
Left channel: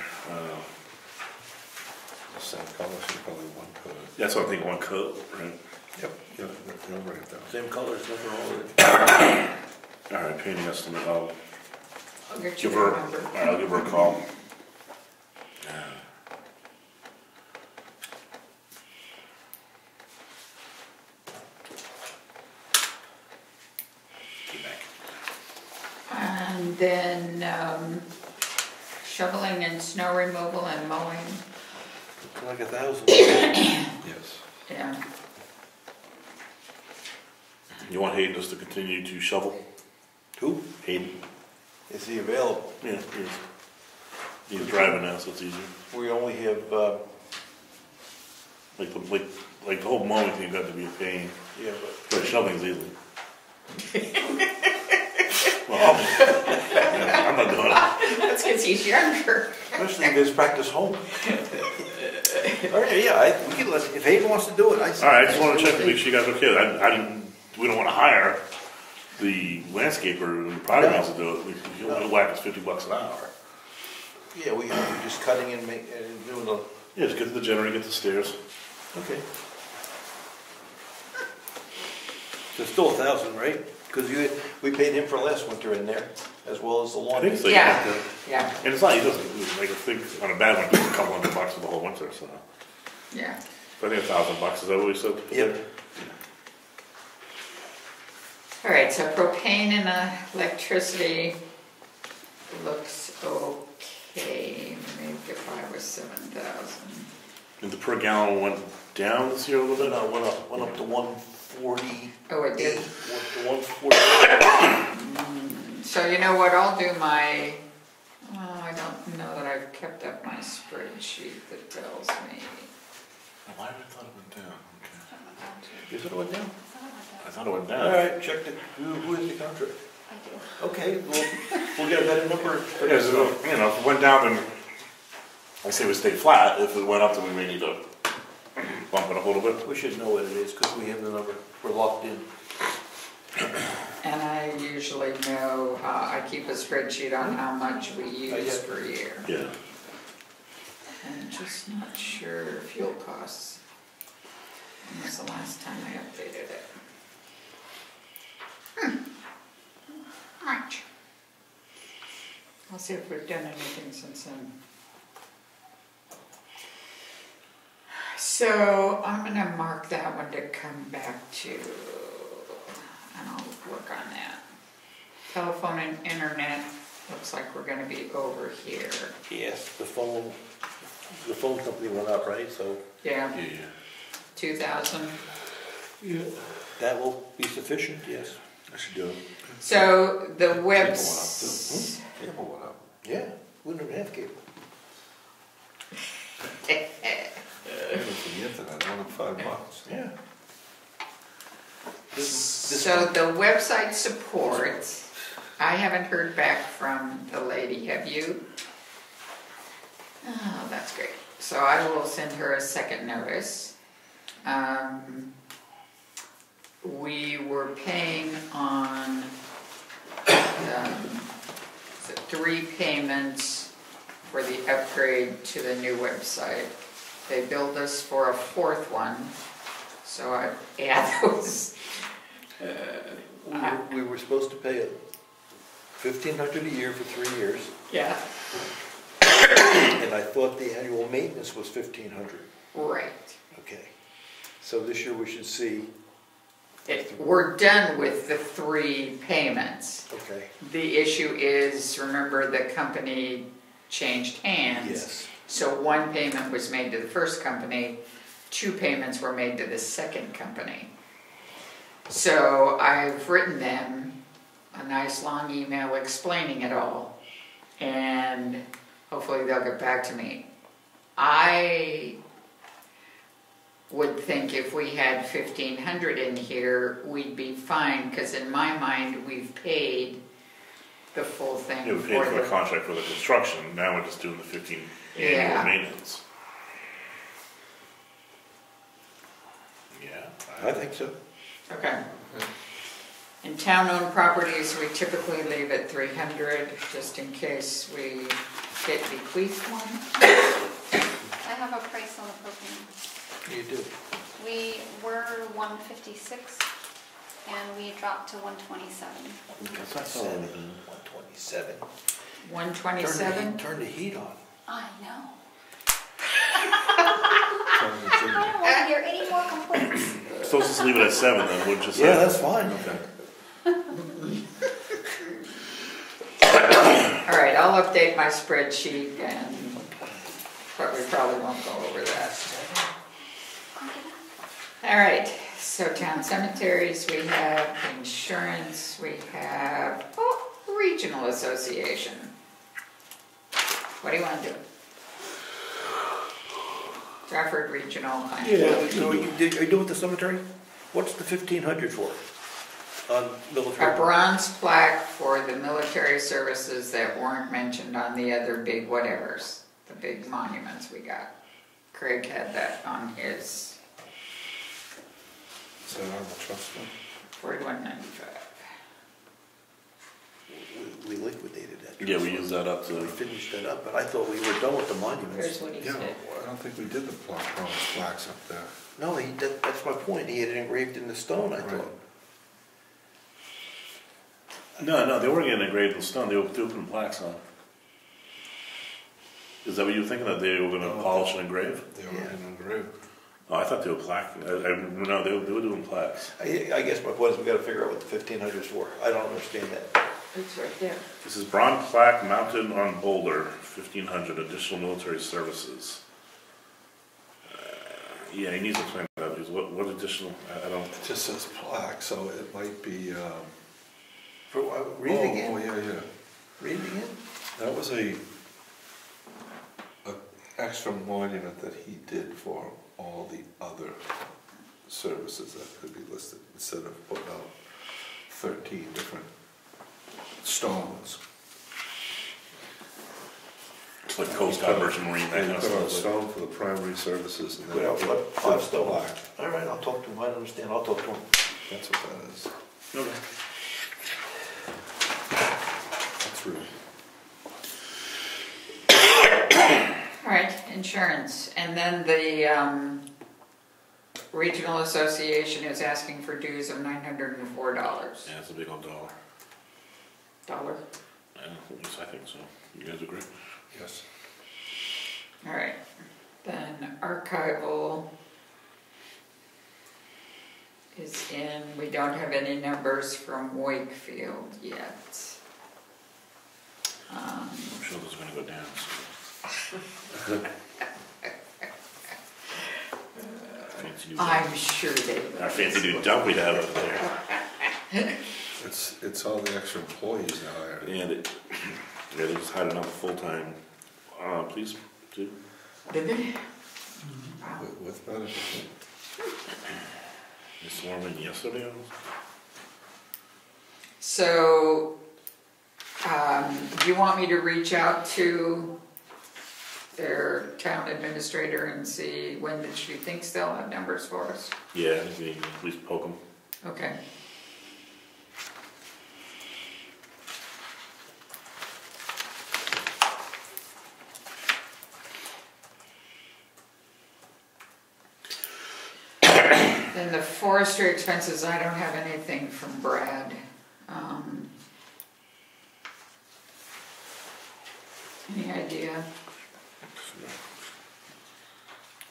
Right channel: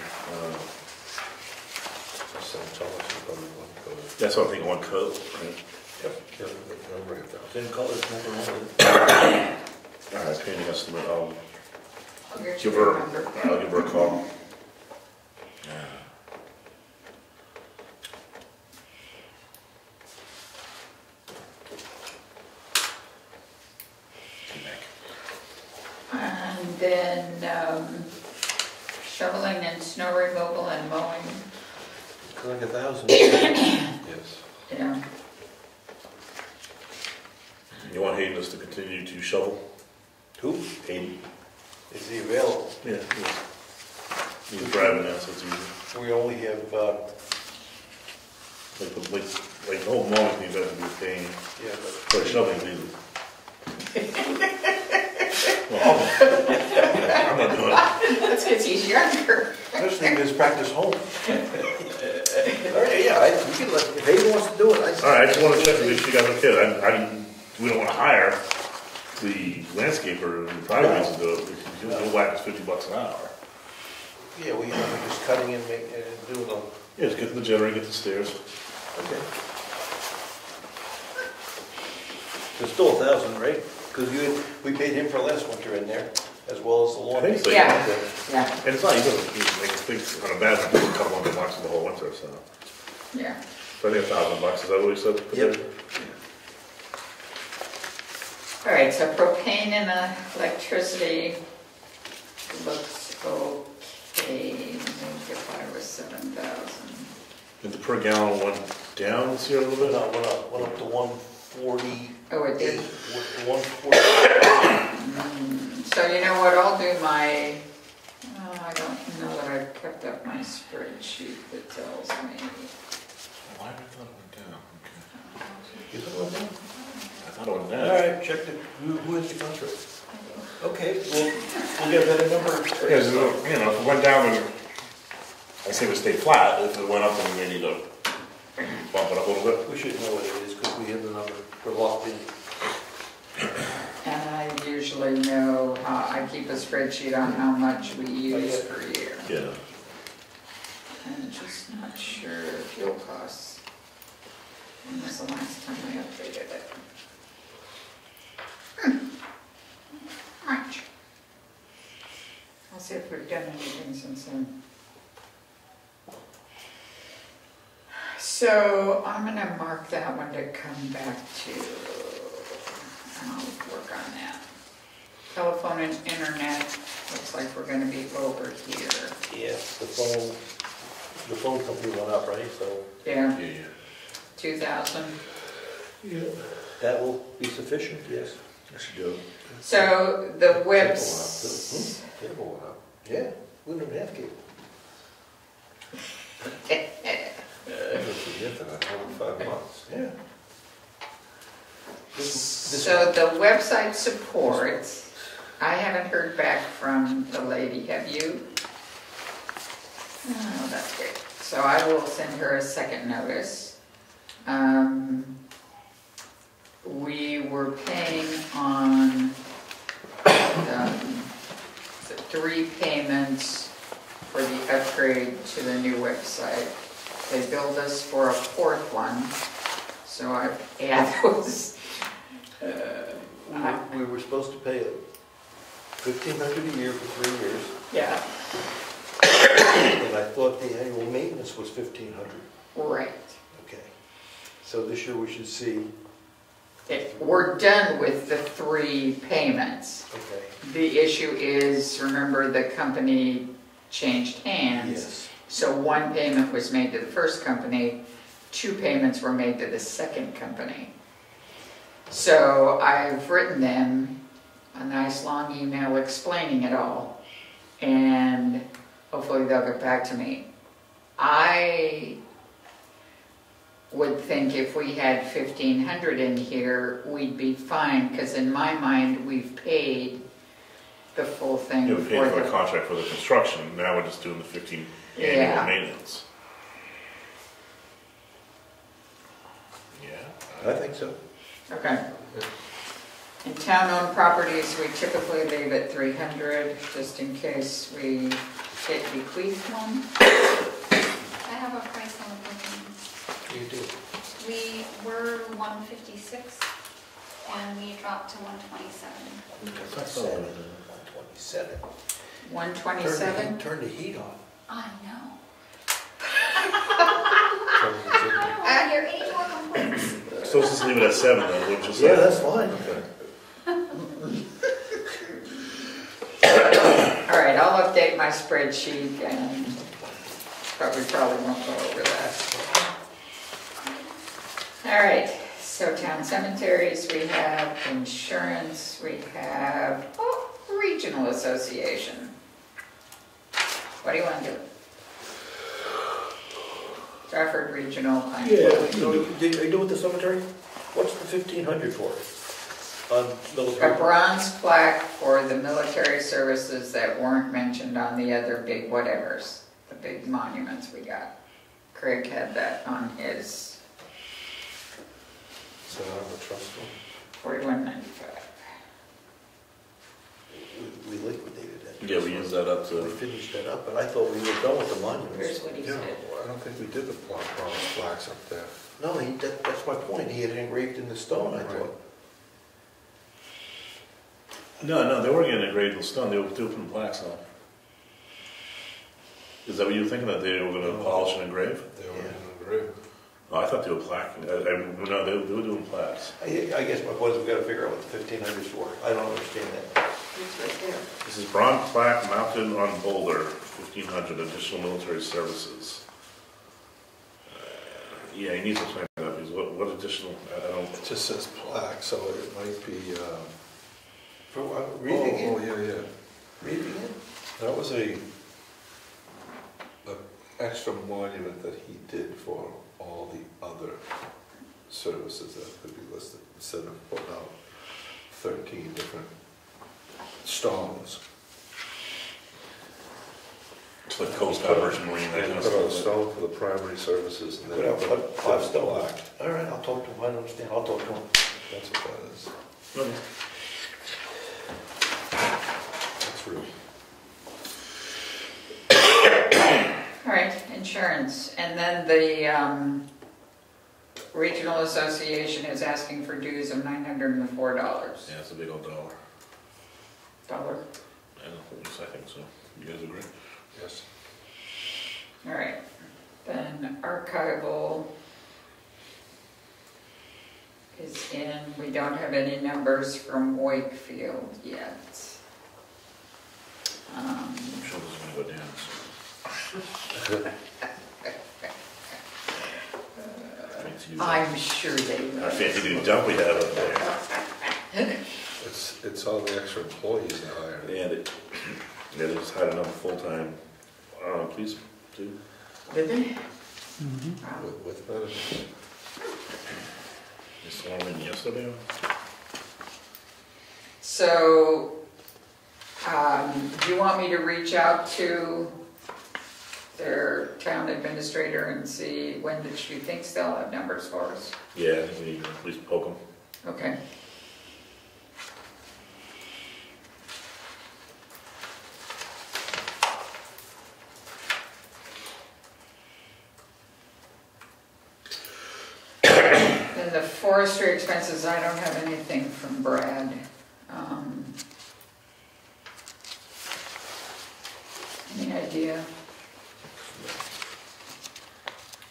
St. Thomas is probably 1 coat. That's what I think, 1 coat, right? Yep. Yep, they'll write that. Same colors, never All right, painting estimate, I'll I'll get you give the her, number. I'll give her a call. And then shoveling and snow removal and mowing. Like 1,000. Yes. Yeah. You want Hayden just to continue to shovel? Who? Hayden? Is he available? Yeah. He's driving now, so it's easy. We only have, Like the whole mowing, he's got to be a pain. yeah, But shoveling's easy. Well, I'm not doing it. That's because he's younger. especially if it's practice home. Okay, yeah, we can let, if Hayden wants to do it, All right, I just want to check to make sure you guys are okay. We don't want to hire the landscaper in private wants to do it, he'll whack us $50 an hour. Yeah, we're just cutting and doing the, Yeah, just get to the generator, get the stairs. okay. So it's still 1,000, right? Because we paid him for last winter in there, as well as the lawn. I think so. Yeah. Yeah, And it's not, he doesn't, he's like, thinks on a bad one, it's a couple $100 for the whole winter, so. yeah. So I think $1,000, is that what we said? Yep. All right, so propane and electricity looks okay. Maybe if I was 7,000. Did the per gallon went down this year a little bit? No, went up to 140. Oh, it did. 140. So you know what, I'll do my, I don't know that I've kept up my spreadsheet that tells me. Why did I thought it went down? Okay. Is it went down? I thought it went All down. right, check who is the contract? Okay, we'll get a better number. Yeah, so, you know, if it went down, then I say we stay flat. If it went up, then we need to bump it up a little bit. We should know what it is, because we have the number, we're locked in. And I usually know, I keep a spreadsheet on how much we use get per year. Yeah. I'm just not sure fuel costs. When was the last time I updated it? Much. I'll see if we've done anything since then. So I'm gonna mark that one to come back to, and I'll work on that. Telephone and internet, looks like we're gonna be over here. Yeah, the phone company went up, right? So Yeah, Yeah. 2,000. yeah, that will be sufficient, yes. I should do it. So the Cable webs. went up. Yeah, 1.5 cable. I forget that, I know $5. Yeah. This So one. the website support, I haven't heard back from the lady, have you? Oh, that's great. So I will send her a second notice. We were paying on 3 payments for the upgrade to the new website. They billed us for a 4th one, so I add those. We were supposed to pay $1,500 a year for 3 years, Yeah, and I thought the annual maintenance was $1,500. right. Okay. So this year we should see, We're done with the 3 payments. okay, The issue is, remember, the company changed hands. yes. So 1 payment was made to the first company, 2 payments were made to the second company. So I've written them a nice long email explaining it all, and hopefully they'll get back to me. I would think if we had 1,500 in here, we'd be fine, because in my mind, we've paid the full thing Yeah, we paid for the the... contract for the construction, now we're just doing the 15 annual Yeah. maintenance. Yeah. I think so. Okay. In town-owned properties, we typically leave at 300, just in case we get bequeathed one. I have a price on the building. You do. We were 156 and we dropped to 127. That's 127. 127? Turn the heat on. I know. Turn the heat on. Well, you're 80 more complaints. So let's just leave it at 7 then, we'll just. Yeah, that's fine. All right, I'll update my spreadsheet and probably won't go over that. All right, so town cemeteries, we have insurance, we have, regional association. What do you want to do? Trafford Regional Plan. Yeah, so are you doing with the cemetery? What's the 1,500 for? On A military? bronze plaque for the military services that weren't mentioned on the other big whatevers, the big monuments we got. Craig had that on his Is that on the trust fund? 4195. we liquidated that. Yeah, we used that up We to, finished that up, but I thought we were done with the monuments. Here's what he Yeah, said. I don't think we did the bronze plaques up there. No, that's my point, he had it engraved in the stone, I Right. thought. no, they weren't getting engraved with stone, they were putting plaques on. Is that what you were thinking, that they were gonna No. polish and engrave? They were in engraved. Oh, I thought they were plaque, no, they were doing plaques. I guess my point is we gotta figure out what the 1,500 is for, I don't understand that. It's right there. This is bronze plaque mounted on boulder, 1,500 additional military services. Yeah, he needs to explain that, because what additional, I don't, It just says plaque, so it might be, Read it again, Oh, yeah. read it again. That was a extra monument that he did for all the other services that could be listed, instead of putting out 13 different stones. it's like Coast Guard, Merchant Marine, that And kind you of put out a stuff. stone for the primary services, and then Yeah, you but put I've still, plaque. all right, I'll talk to him, I don't understand, I'll talk to him. That's what that is. No, no. That's rude. All right, insurance, and then the Regional Association is asking for dues of $904. Yeah, it's a big old dollar. Dollar. And at least I think so. You guys agree? Yes. All right, then archival is in, we don't have any numbers from Wakefield yet. I'm sure this is gonna go down, so. Fancy new dump. I'm sure they Our will. fancy new dump we have up there. It's all the extra employees they hired. And it, yeah, they just hired another full-time, police too. Did they? Mm-hmm. Wow. With benefits. They sworn in yesterday. So, do you want me to reach out to their town administrator and see when that she thinks they'll have numbers for us? Yeah, I think we need to at least poke them. Okay. And the forestry expenses, I don't have anything from Brad. Any idea?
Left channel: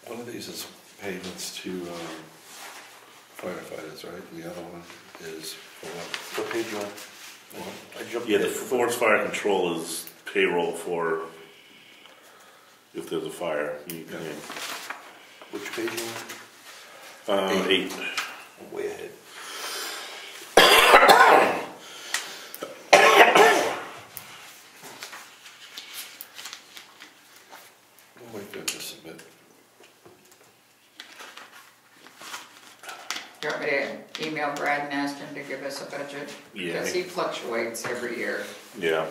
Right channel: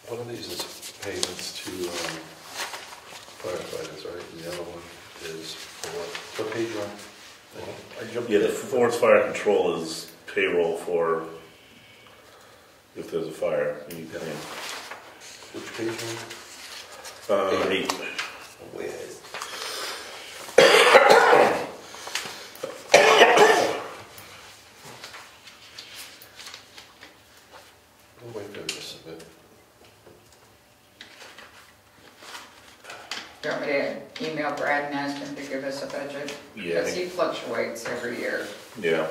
One of these is payments to firefighters, right? The other one is for What page you on? I jumped. Yeah, the forest fire control is payroll for if there's a fire. You come in. Which page you 8. on? I'm way ahead. Oh my goodness, a bit. Do you want me to email Brad and ask him to give us a budget? Yeah. Because he fluctuates every year. Yeah.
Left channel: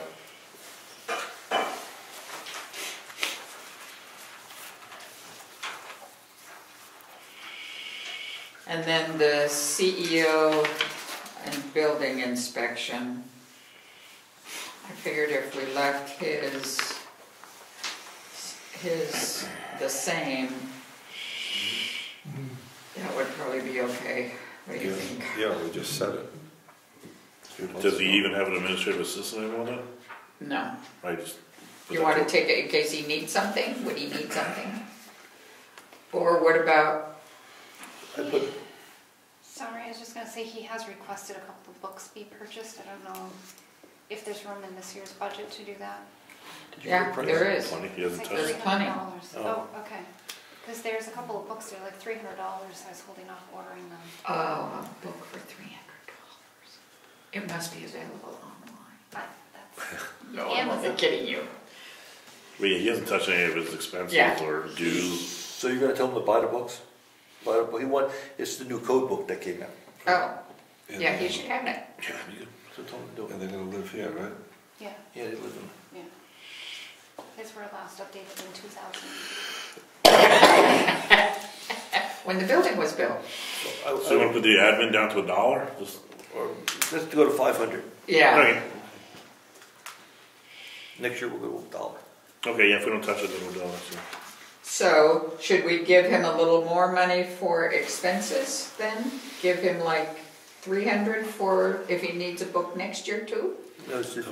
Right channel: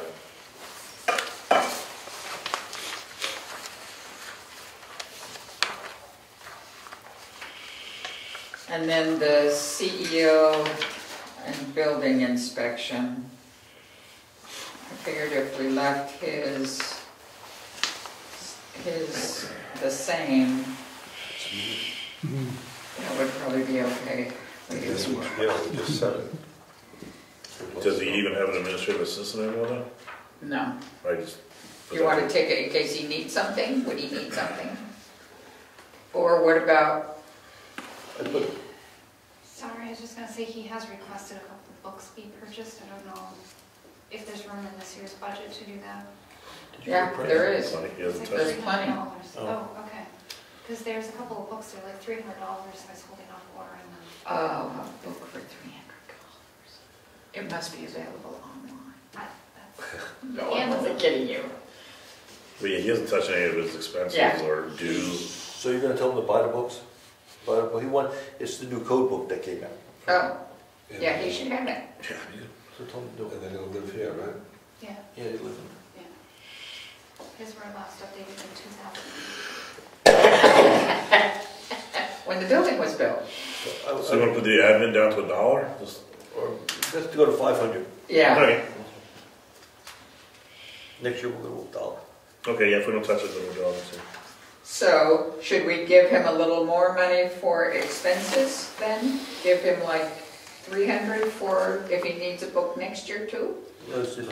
And then the CEO and building inspection. I figured if we left his the same, that would probably be okay. What do you think? Yeah, we just said it. Does he even have an administrative assistant anymore? No. I just. You want to take it in case he needs something? Would he need something? Or what about, Sorry, I was just gonna say, he has requested a couple of books be purchased. I don't know if there's room in this year's budget to do that. yeah, there is. He hasn't It's touched There's it. plenty. $300. Oh. Oh, okay. Because there's a couple of books, they're like $300. I was holding off ordering them. Oh, a book for $300. It must be available online. That's No, I'm only kidding you. But yeah, he hasn't touched any of his expenses Yeah. or dues. So you're gonna tell him to buy the books? Buy the book, it's the new code book that came out. Oh, yeah, he should have that. Yeah. So tell him to do it. And they're gonna live here, right? Yeah, Yeah, they live in. his were last updated in 2000. When the building was built. So you want to put the admin down to $1? Just, Or let's go to 500. Yeah. Right. Next year we'll go with $1. Okay, yeah, if we don't touch it, then we'll do all this. Yeah. So, should we give him a little more money for expenses then? Give him like 300 for if he needs a book next year too? No, it's just,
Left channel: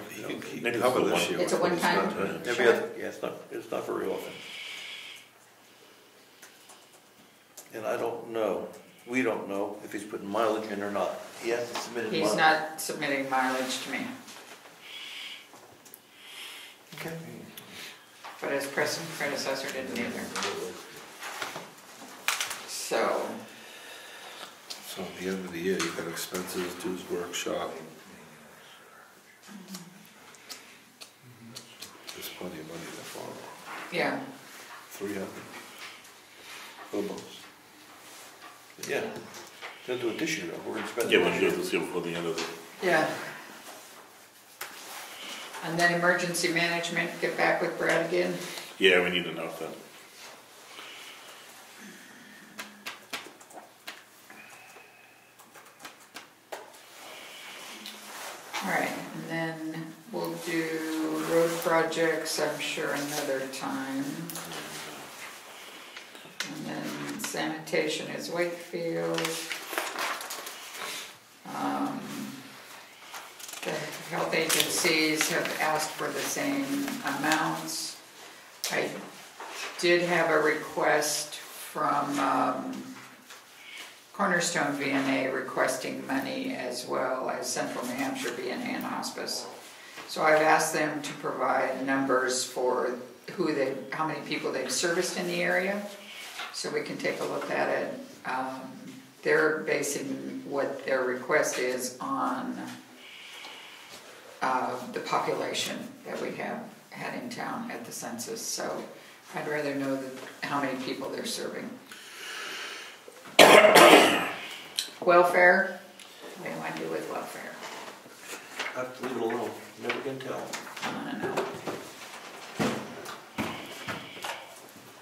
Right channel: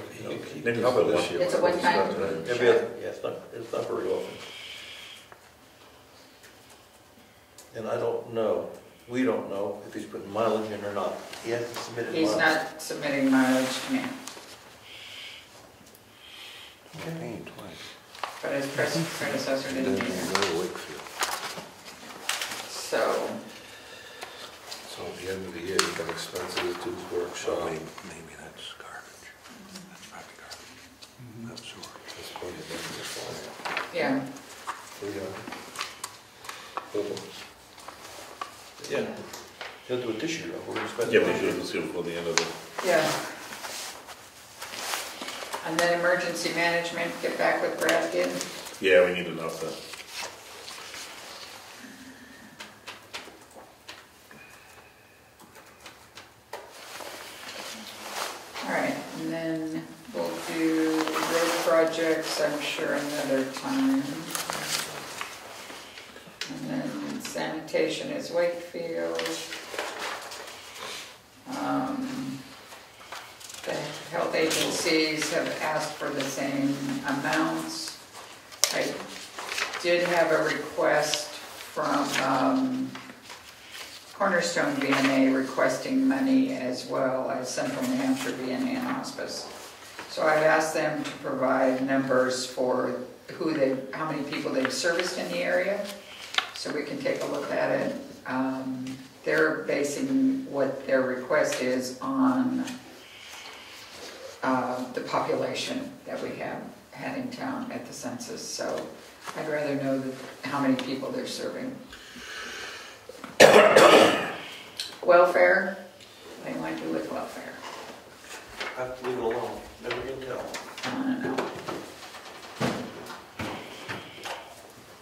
Maybe Cover for this one. year. It's a one-time. every other, yeah, it's not very often. And I don't know, we don't know if he's putting mileage in or not. He hasn't submitted mileage. He's not submitting mileage to me, but his predecessor didn't either. So, So at the end of the year, you've got expenses, dues, workshop. Maybe that's garbage. That's probably garbage. That's sort of. There's plenty of money this fall. yeah, 300. Boo-boos. Yeah, he'll do it this year, we're gonna spend. Yeah, we should see before the end of the. yeah. And then emergency management, get back with Brad again. Yeah, we need enough then. All right, and then we'll do road projects, I'm sure another time. And then sanitation is Wakefield. The health agencies have asked for the same amounts. I did have a request from Cornerstone VNA requesting money as well as Central New Hampshire VNA and Hospice. So I've asked them to provide numbers for how many people they've serviced in the area, so we can take a look at it. They're basing what their request is on the population that we have had in town at the census. So I'd rather know how many people they're serving. Welfare, what do you want to do with welfare? Have to leave it alone, never can tell. I don't know.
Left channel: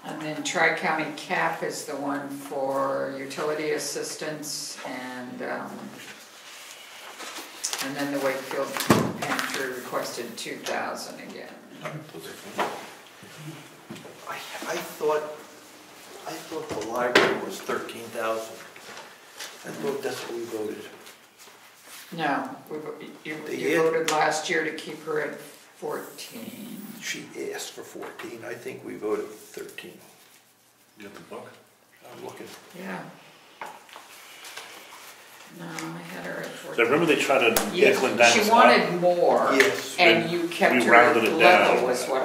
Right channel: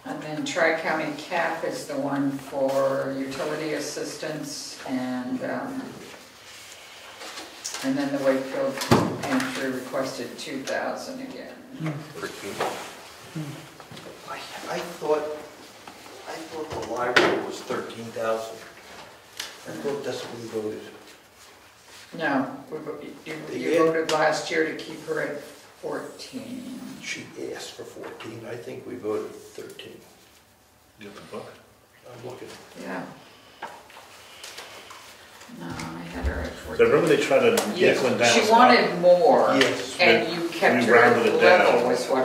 And then Tri-County CAP is the one for utility assistance, and then the Wakefield pantry requested 2,000 again. I thought the library was 13,000. I thought that's what we voted. No, you voted last year to keep her at 14. She asked for 14, I think we voted 13. You have the book? I'm looking. Yeah. No, I had her at 14. So remember they tried to get Glenn down. She wanted more, Yes. and you kept You her at rounded it level, down. was what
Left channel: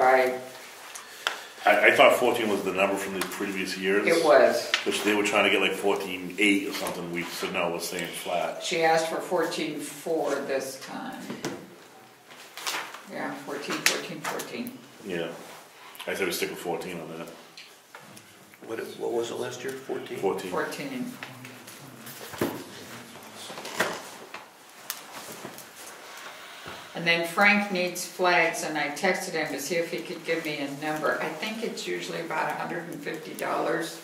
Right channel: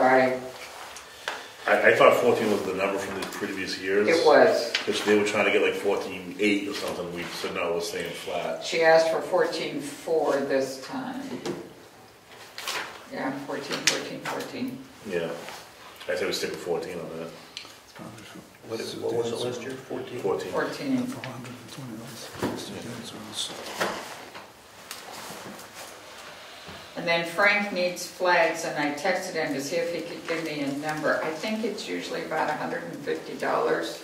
I thought 14 was the number from the previous years. It was. Which they were trying to get like 14.8 or something. We said no, we're staying flat. She asked for 14.4 this time. Yeah, 14. Yeah. I said we stick with 14 on that. What was it last year, 14? 14. And then Frank needs flags, and I texted him to see if he could give me a number. I think it's usually about $150,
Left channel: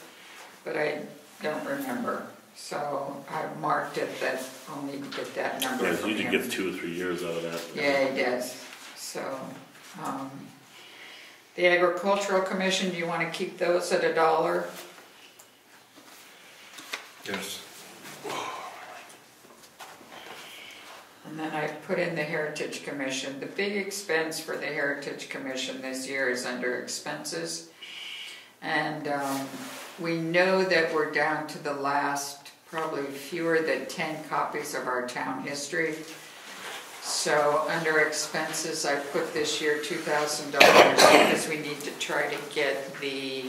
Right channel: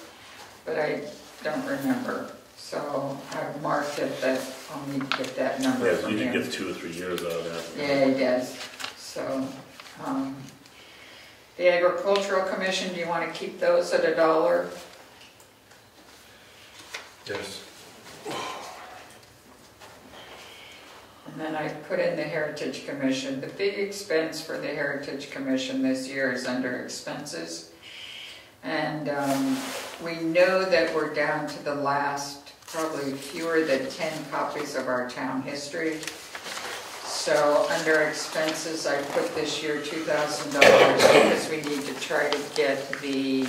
but I don't remember. So I've marked it that I'll need to get that number Yeah, from usually him. gets 2 or 3 years out of that. Yeah, he does. So, the Agricultural Commission, do you want to keep those at $1? Yes. And then I put in the Heritage Commission. The big expense for the Heritage Commission this year is under expenses. And we know that we're down to the last, probably fewer than 10 copies of our town history. So under expenses, I put this year $2,000 because we need to try to get the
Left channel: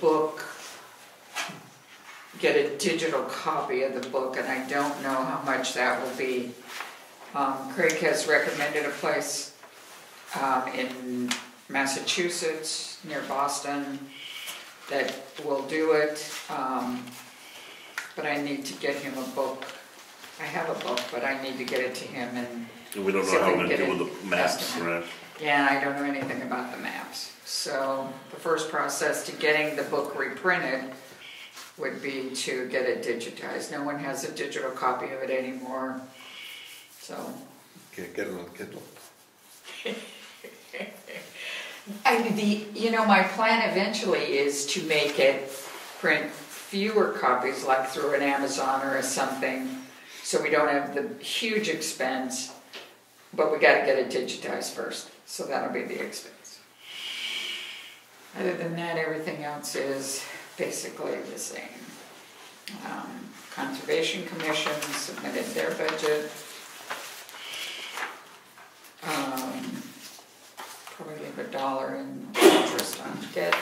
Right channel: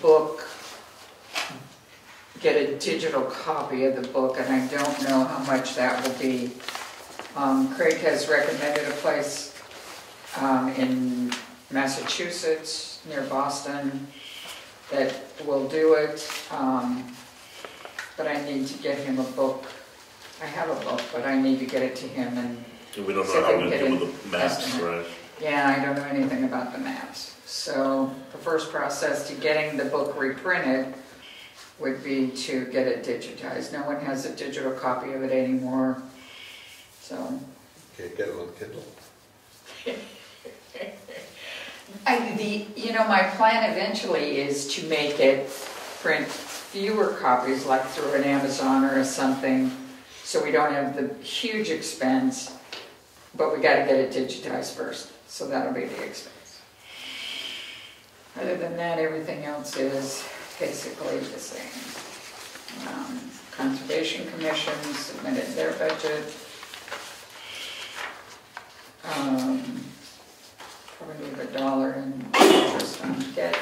book, get a digital copy of the book, and I don't know how much that will be. Craig has recommended a place in Massachusetts, near Boston, that will do it, but I need to get him a book. I have a book, but I need to get it to him and We don't see if know how we can to get do an with the maps, estimate. right? Yeah, I don't know anything about the maps. So the first process to getting the book reprinted would be to get it digitized. No one has a digital copy of it anymore, so. Can't get it on Kindle. My plan eventually is to make it print fewer copies, like through an Amazon or something, so we don't have the huge expense, but we gotta get it digitized first, so that'll be the expense. Other than that, everything else is basically the same. Conservation Commission submitted their budget. Probably leave $1 in interest on debt.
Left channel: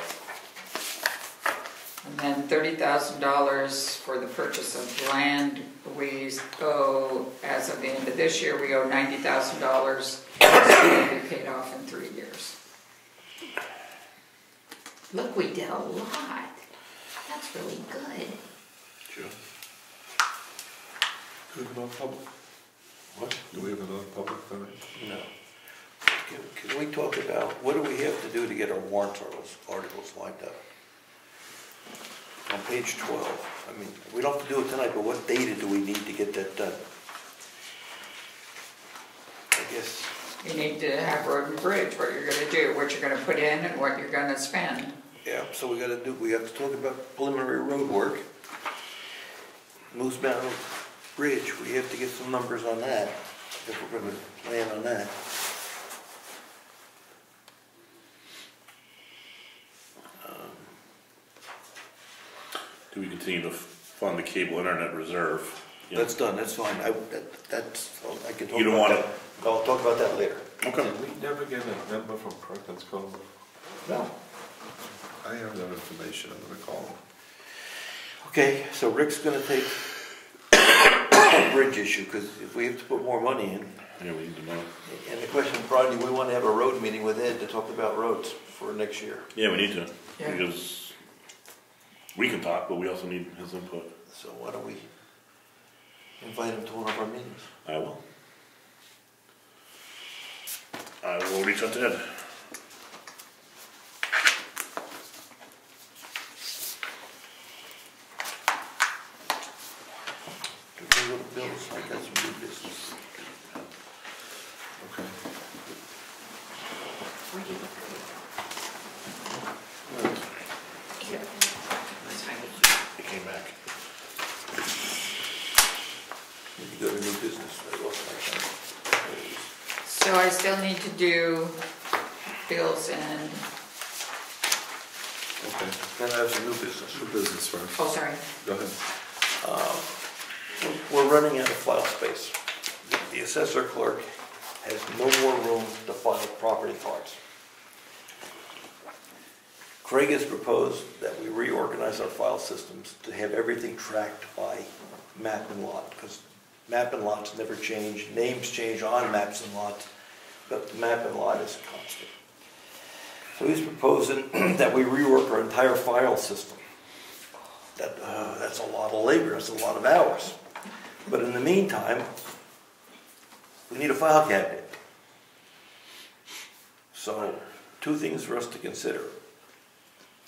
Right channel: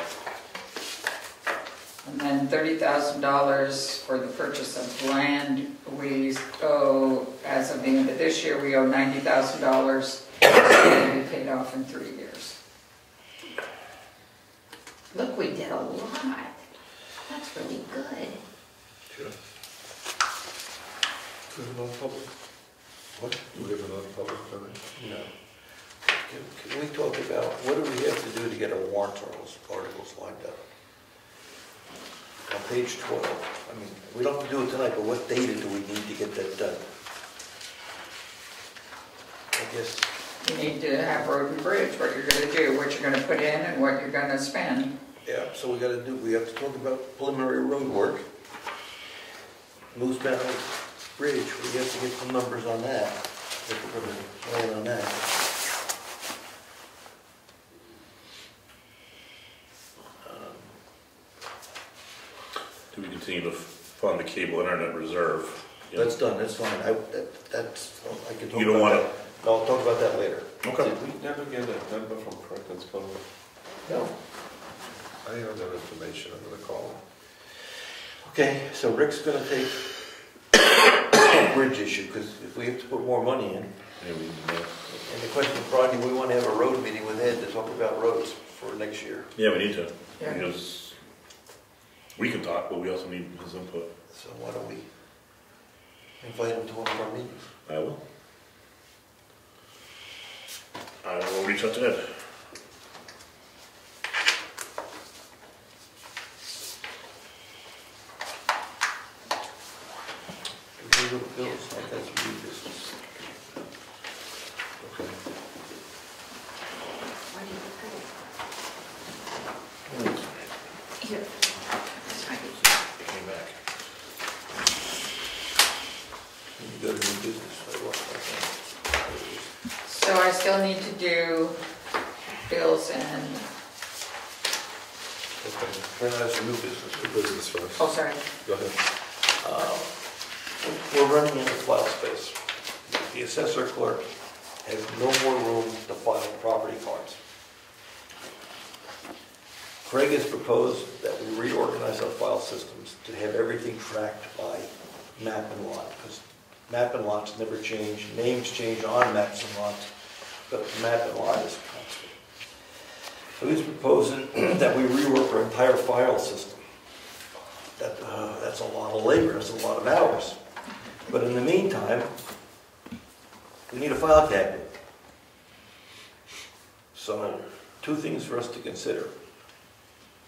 And then $30,000 for the purchase of land. We owe, as of the end of this year, we owe $90,000. It'll be paid off in 3 years. Look, we did a lot. That's really good. Sure. Do we have non-public? What? Do we have a non-public comment? No. Can we talk about, what do we have to do to get our warrant articles lined up? On page 12, I mean, we don't have to do it tonight, but what data do we need to get that done? I guess. You need to have road and bridge, what you're gonna do, what you're gonna put in and what you're gonna spend. Yeah, so we have to talk about preliminary road work. Moose Mountain Bridge, we have to get some numbers on that, if we're gonna plan on that. Do we continue to fund the cable internet reserve? That's done, that's fine, I can talk You don't about want that. I'll talk about that later. Okay. Did we never get a number from Perkins Comeau? No. I have no information, I'm gonna call him. Okay, so Rick's gonna take the bridge issue, because if we have to put more money in, Yeah, we need to know. and the question, Brian, do we want to have a road meeting with Ed to talk about roads for next year? Yeah, we need to, Yeah. because we can talk, but we also need his input. So why don't we invite him to one of our meetings? I will. I will reach out to Ed. Bills, I got some new business. Okay. Where do you look at it? Here. That's fine. He came back. You go to new business, I lost my time. So I still need to do bills and, Okay, then I have some new business. New business first. oh, sorry. Go ahead. We're running out of file space. The assessor clerk has no more room to file property cards. Craig has proposed that we reorganize our file systems to have everything tracked by map and lot, because map and lots never change, names change on maps and lots, but map and lot is constant. So he's proposing that we rework our entire file system. That's a lot of labor, that's a lot of hours. But in the meantime, we need a file cabinet. So, two things for us to consider.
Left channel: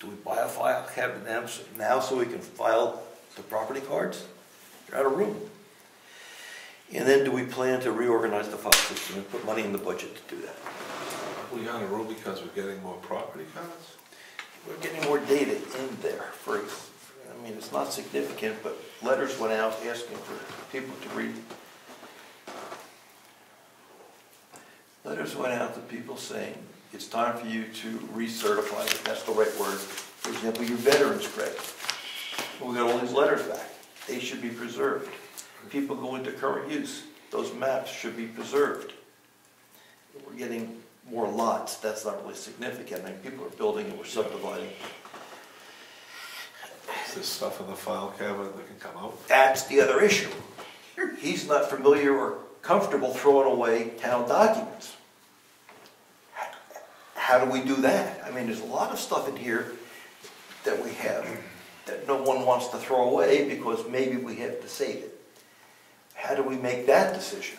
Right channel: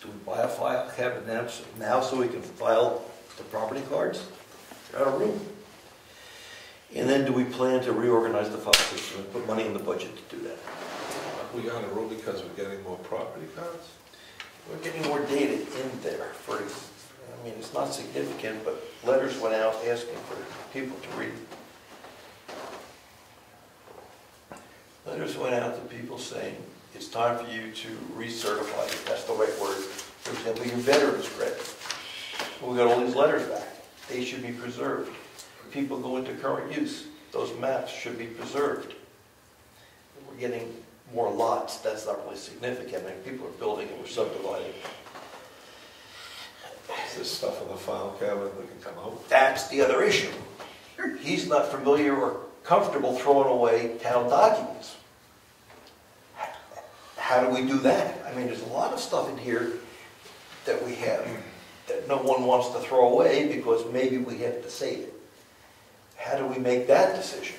Do we buy a file cabinet now so we can file the property cards? They're out of room. And then do we plan to reorganize the file system and put money in the budget to do that? We got a room because we're getting more property cards? We're getting more data in there. I mean, it's not significant, but letters went out asking for people to read. Letters went out to people saying, it's time for you to recertify, if that's the right word, for example, your veterans credit. Well, we got all these letters back. They should be preserved. People go into current use. Those maps should be preserved. We're getting more lots. That's not really significant. I mean, people are building and we're subdividing. Is this stuff in the file cabinet that can come out? That's the other issue. He's not familiar or comfortable throwing away town documents. How do we do that? I mean, there's a lot of stuff in here that we have that no one wants to throw away because maybe we have to save it. How do we make that decision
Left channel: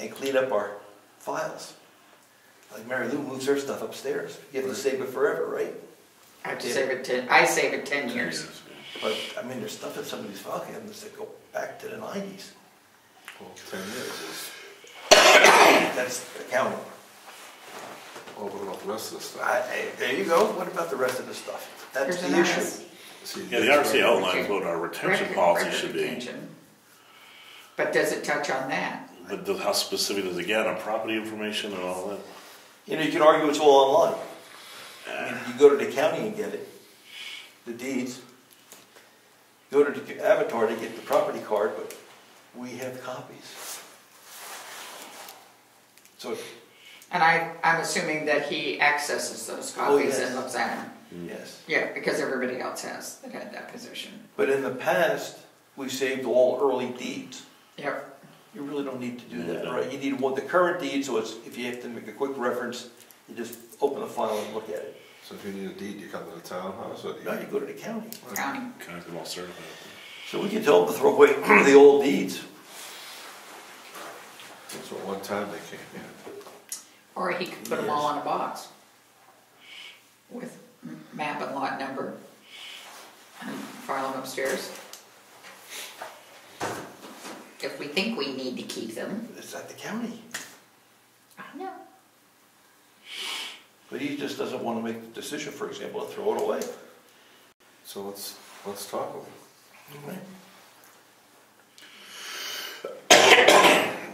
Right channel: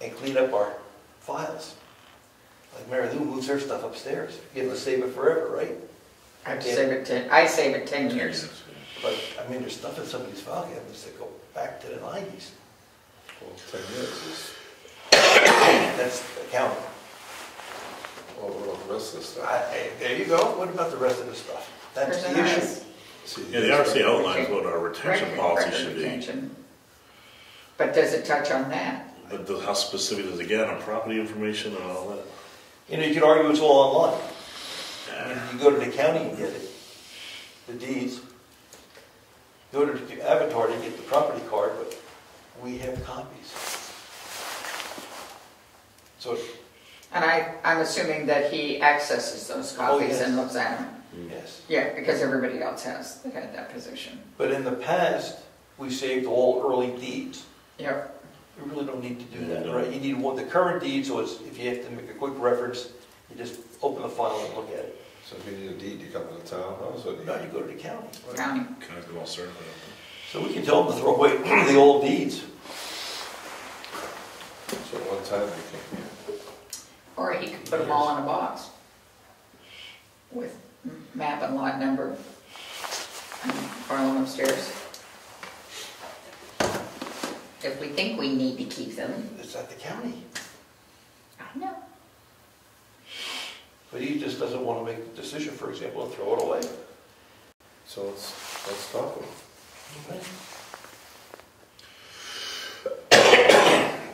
and clean up our files? Like Mary Lou moves her stuff upstairs. You have to save it forever, right? I save it 10 years. But, I mean, there's stuff in some of these file cabinets that go back to the 90s. Well, 10 years is... That's accounting. What about the rest of the stuff? There you go. What about the rest of the stuff? That's There's the an issue. RS. See, Yeah, the RC outlines what our retention policy Record should be. retention. But does it touch on that? But how specific does it get on property information and all that? You know, you could argue it's all online. I mean, you go to the county and get it, the deeds. Go to the Avatar to get the property card, but we have copies. So, And I'm assuming that he accesses those copies and looks at them. yes. Yeah, because everybody else has that position. But in the past, we saved all early deeds. Yep. You really don't need to do Yeah, that, no. right? You need the current deed, so it's, if you have to make a quick reference, you just open the file and look at it. So if you need a deed, you come to the townhouse, or do Now you? you go to the county. County. Kind of them all certified. So we can tell them to throw away the old deeds. So at one time they came here. Or he could put them all in a box with map and lot number and file them upstairs. If we think we need to keep them. It's at the county. I know. But he just doesn't want to make the decision, for example, to throw it away. So let's talk about Okay.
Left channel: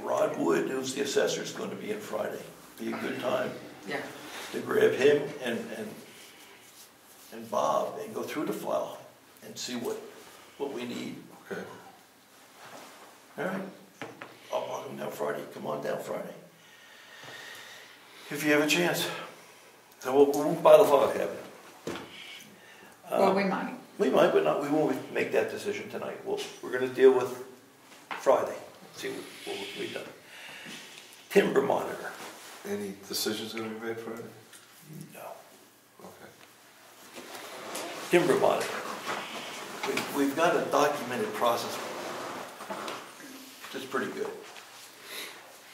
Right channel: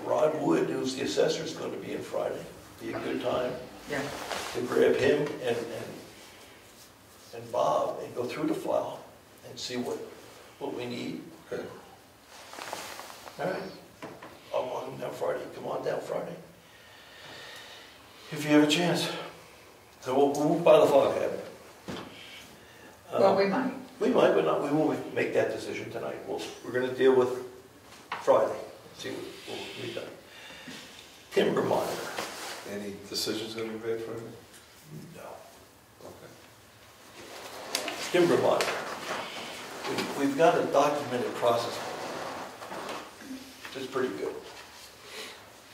Rod Wood, who's the assessor, is going to be in Friday. Be a good time Yeah. to grab him and Bob and go through the file and see what we need. it. Okay. All right. I'll walk him down Friday. Come on down Friday. If you have a chance. So we'll move by the file cabinet. Well, we might. We might, but not, we won't make that decision tonight. We're going to deal with Friday, see what we've done. Timber monitor. Any decisions going to be made Friday? No. Okay. Timber monitor. We've got a documented process, which is pretty good.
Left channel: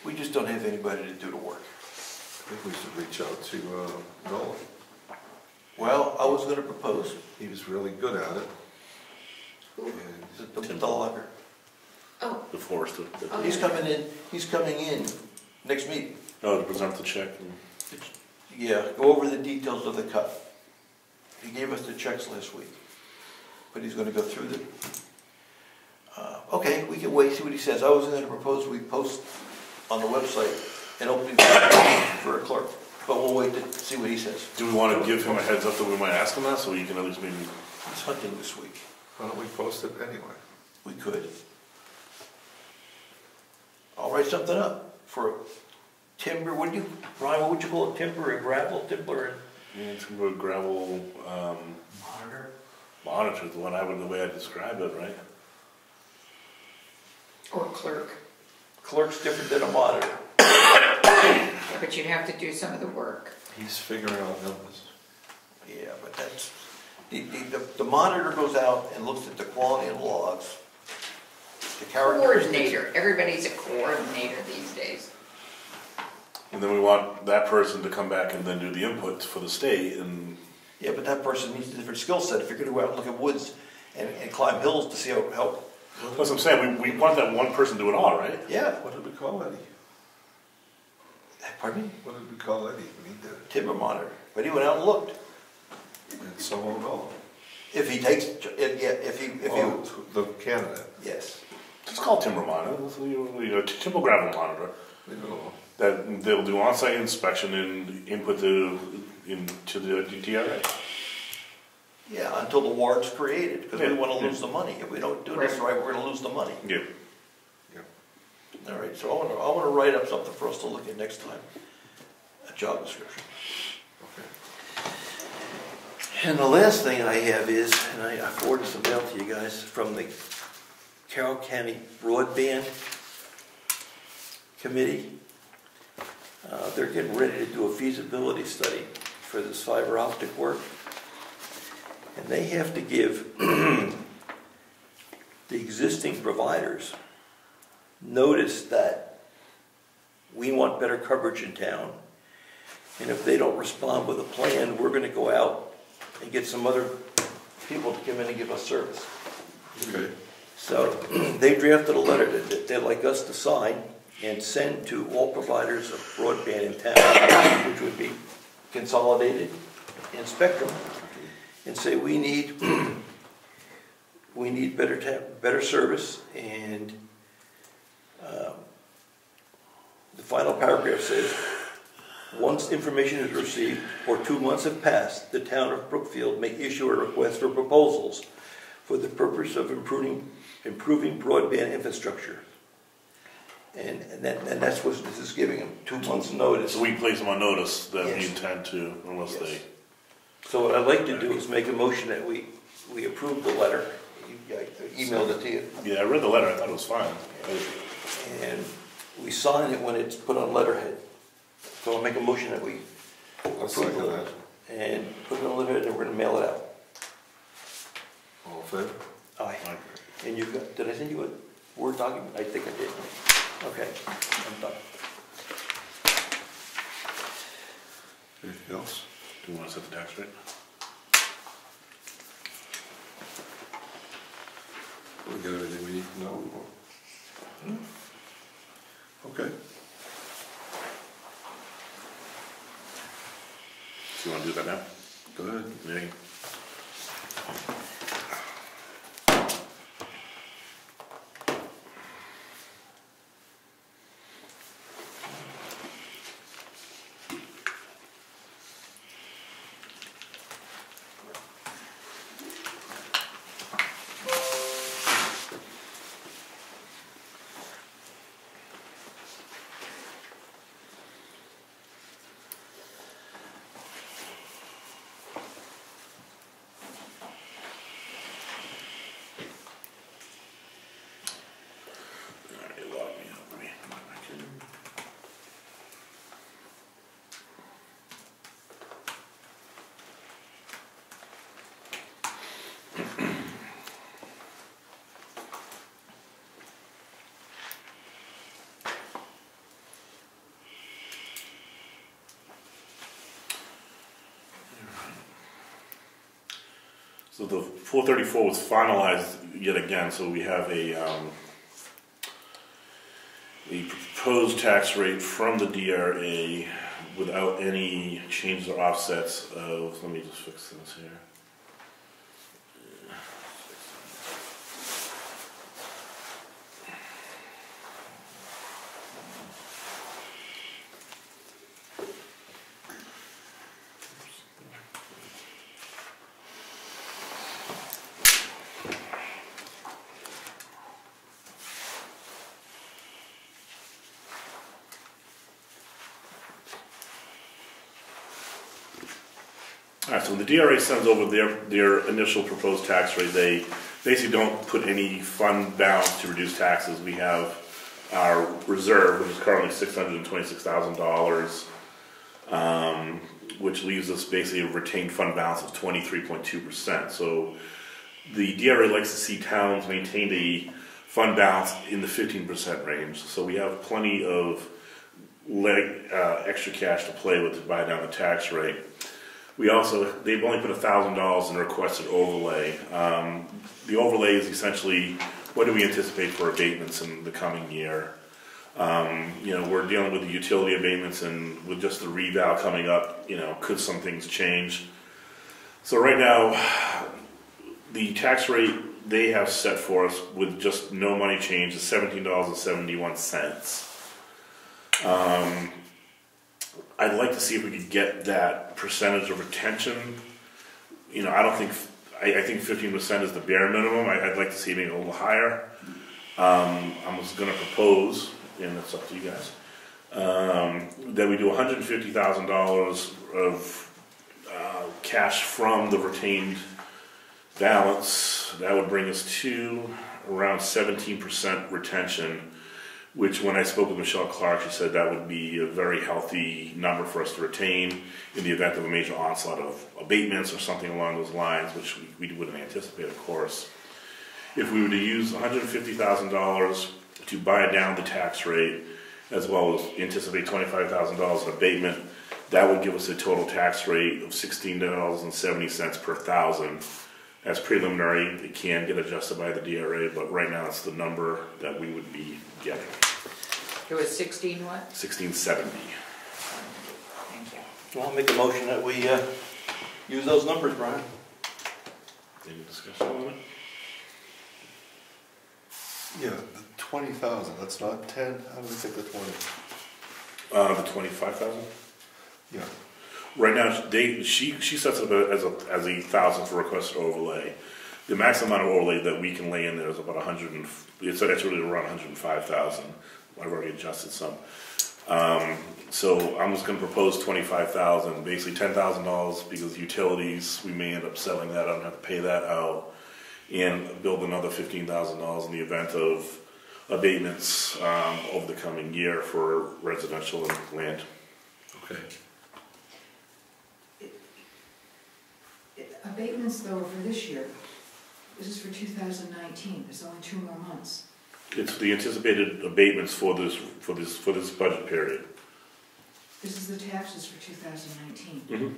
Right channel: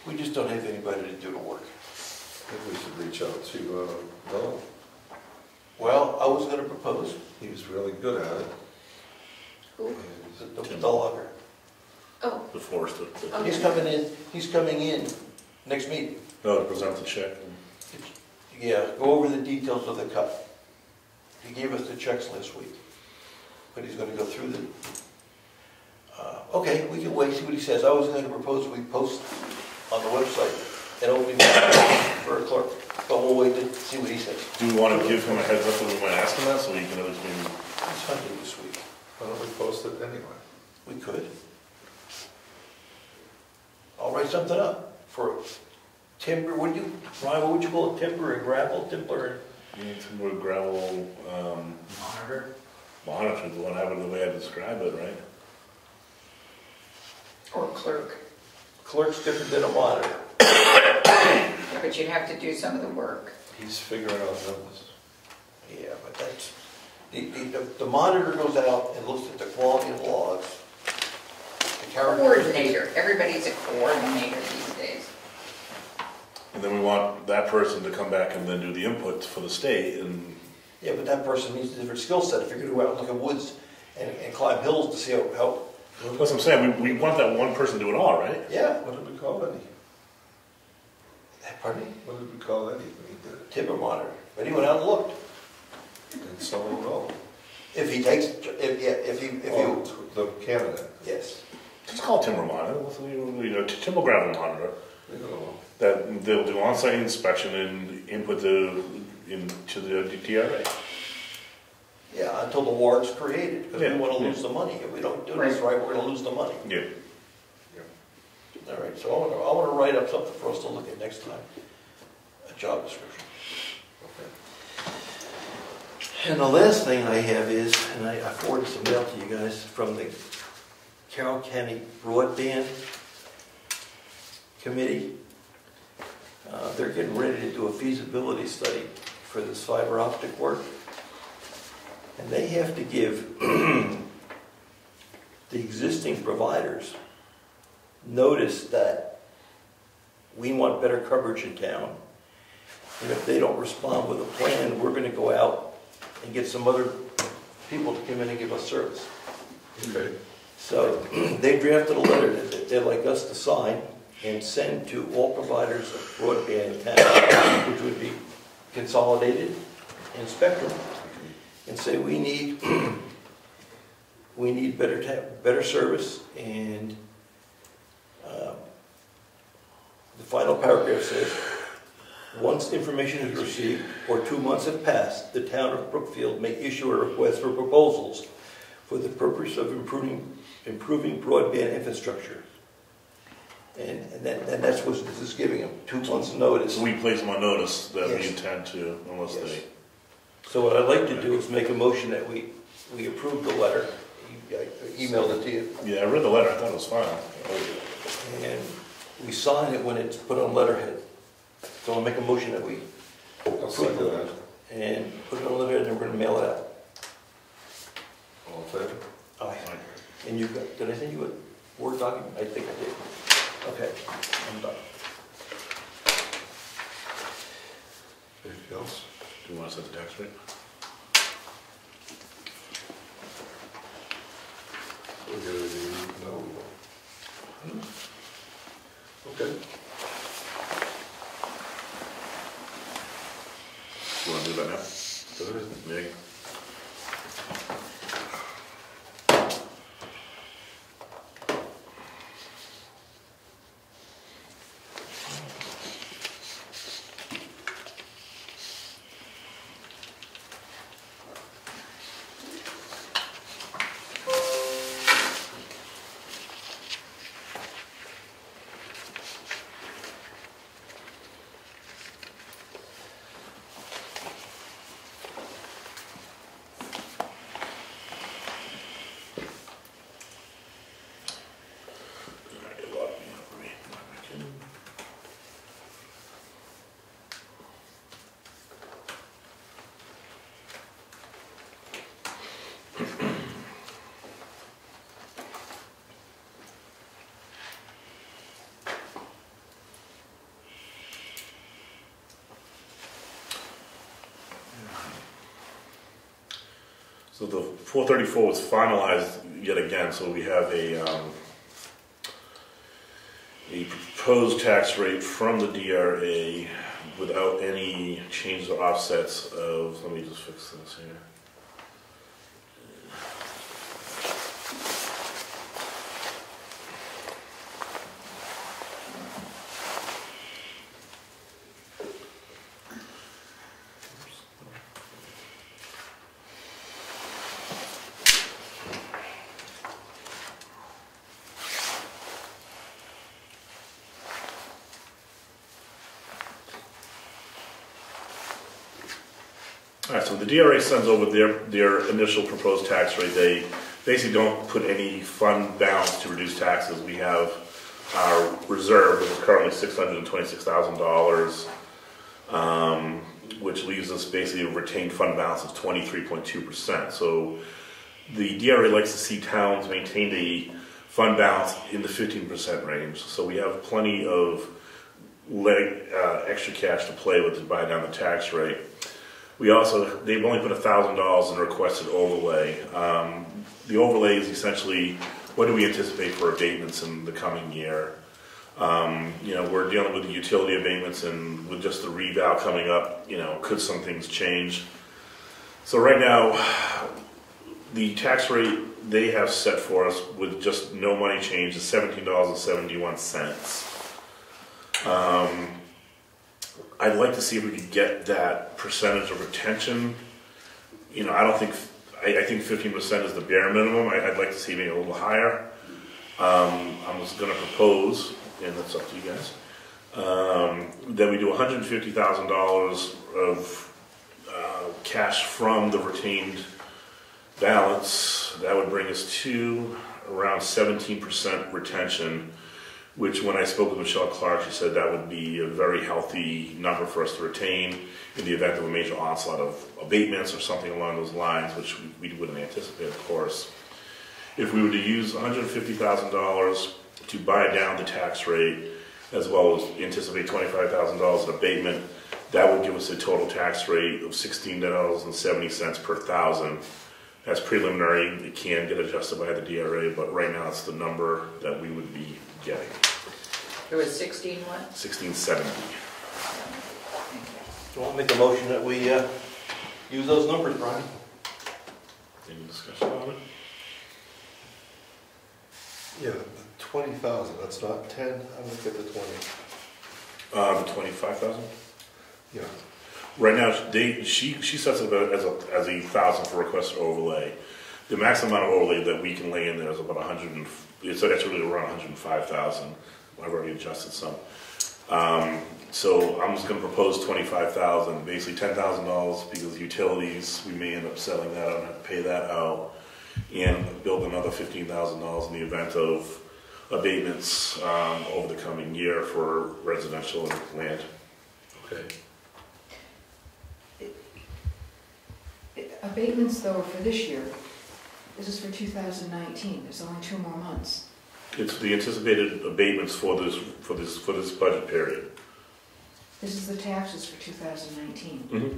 We just don't have anybody to do the work. I think we should reach out to Noel. Well, I was going to propose He was really good at it. the logger. Oh, The forester. oh, He's yeah. coming in next meeting. Oh, to present the check. Yeah, go over the details of the cut. He gave us the checks last week, but he's gonna go through them. Okay, we can wait, see what he says. I was gonna propose we post on the website an opening for a clerk, but we'll wait to see what he says. Do we want to give him a heads up that we might ask him that, so he can at least maybe... He's hunting this week. Why don't we post it anyway? We could. I'll write something up for timber, Brian, what would you call it, timber and gravel, timber and... Yeah, timber gravel, Monitor. monitor, the one the way I describe it, right? Or clerk. Clerk's different than a monitor. But you'd have to do some of the work. He's figuring out numbers. Yeah, but that's, the monitor goes out and looks at the quality of logs. The character. Coordinator. Everybody's a coordinator these days. And then we want that person to come back and then do the input for the state, and Yeah, but that person needs a different skill set. If you're gonna go out and look at woods and climb hills to see how, that's what I'm saying, we want that one person to do it all, right? yeah. What did we call Eddie? Pardon me? What did we call Eddie when he did it? Timber monitor. But he went out and looked. And someone will know. If he takes, if he, Oh, the candidate. yes. Just call it timber monitor, timber gravel monitor, We don't know. that they'll do on-site inspection and input into the DRA. Yeah, until the warrant's created, because we Yeah, wanna yeah. lose the money. If we don't do this right, we're gonna lose the money. Yeah. All right, so I wanna write up something for us to look at next time, a job description. Okay. And the last thing I have is, and I forwarded some mail to you guys, from the Carroll County Broadband Committee. They're getting ready to do a feasibility study for this fiber optic work. And they have to give the existing providers notice that we want better coverage in town. And if they don't respond with a plan, we're gonna go out and get some other people to come in and give us service. Okay. So they drafted a letter that they'd like us to sign and send to all providers of broadband in town, which would be Consolidated and Spectrum and say we need better service, and the final paragraph says, once information is received or 2 months have passed, the town of Brookfield may issue a request for proposals for the purpose of improving broadband infrastructure. And that's what this is giving them, 2 months notice. So we place them on notice that we Yes. intend to, unless Yes. they. So what I'd like to do is make a motion that we approve the letter. I emailed it to you. Yeah, I read the letter, I thought it was fine. And we sign it when it's put on letterhead. So I'll make a motion that we I'll second that. and put it on letterhead, and we're gonna mail it out. All in favor? Aye. And you got, did I send you a Word document? I think I did. Okay, I'm done. Anything else? Do you want to set the tax rate? We'll do it. No, we won't. Okay. You want to do that now? Go ahead. Yeah. So the 434 was finalized yet again, so we have a proposed tax rate from the DRA without any changes or offsets of, let me just fix this here. All right, so the DRA sends over their initial proposed tax rate. They basically don't put any fund balance to reduce taxes. We have our reserve, which is currently $626,000, which leaves us basically a retained fund balance of 23.2%. So the DRA likes to see towns maintain a fund balance in the 15% range. So we have plenty of extra cash to play with to buy down the tax rate. They've only put $1,000 in requested overlay. The overlay is essentially, what do we anticipate for abatements in the coming year? We're dealing with the utility abatements, and with just the reval coming up, could some things change? So right now, the tax rate they have set for us with just no money change is $17.71. I'd like to see if we could get that percentage of retention. I think 15% is the bare minimum. I'd like to see it a little higher. I was going to propose, and that's up to you guys, that we do $150,000 of cash from the retained balance. That would bring us to around 17% retention, which when I spoke with Michelle Clark, she said that would be a very healthy number for us to retain in the event of a major onslaught of abatements or something along those lines, which we wouldn't anticipate, of course. If we were to use $150,000 to buy down the tax rate, as well as anticipate $25,000 in abatement, that would give us a total tax rate of $16.70 per thousand. That's preliminary. It can get adjusted by the DRA, but right now it's the number that we would be getting. It was 16 what? 1670. Thank you. Well, I'll make a motion that we use those numbers, Brian. Any discussion on it? Yeah, the 20,000, that's not 10, I'm gonna take the 20. The 25,000? Yeah. Right now, she sets it as a 1,000 for request overlay. The maximum amount of overlay that we can lay in there is about 100. It's actually around 105,000. I've already adjusted some. So I'm just going to propose 25,000, basically $10,000 because utilities, we may end up selling that out and have to pay that out, and build another $15,000 in the event of abatements over the coming year for residential land. Okay. Abatements though are for this year. This is for 2019. There's only 2 more months. It's the anticipated abatements for this budget period. This is the taxes for 2019. Mm-hmm.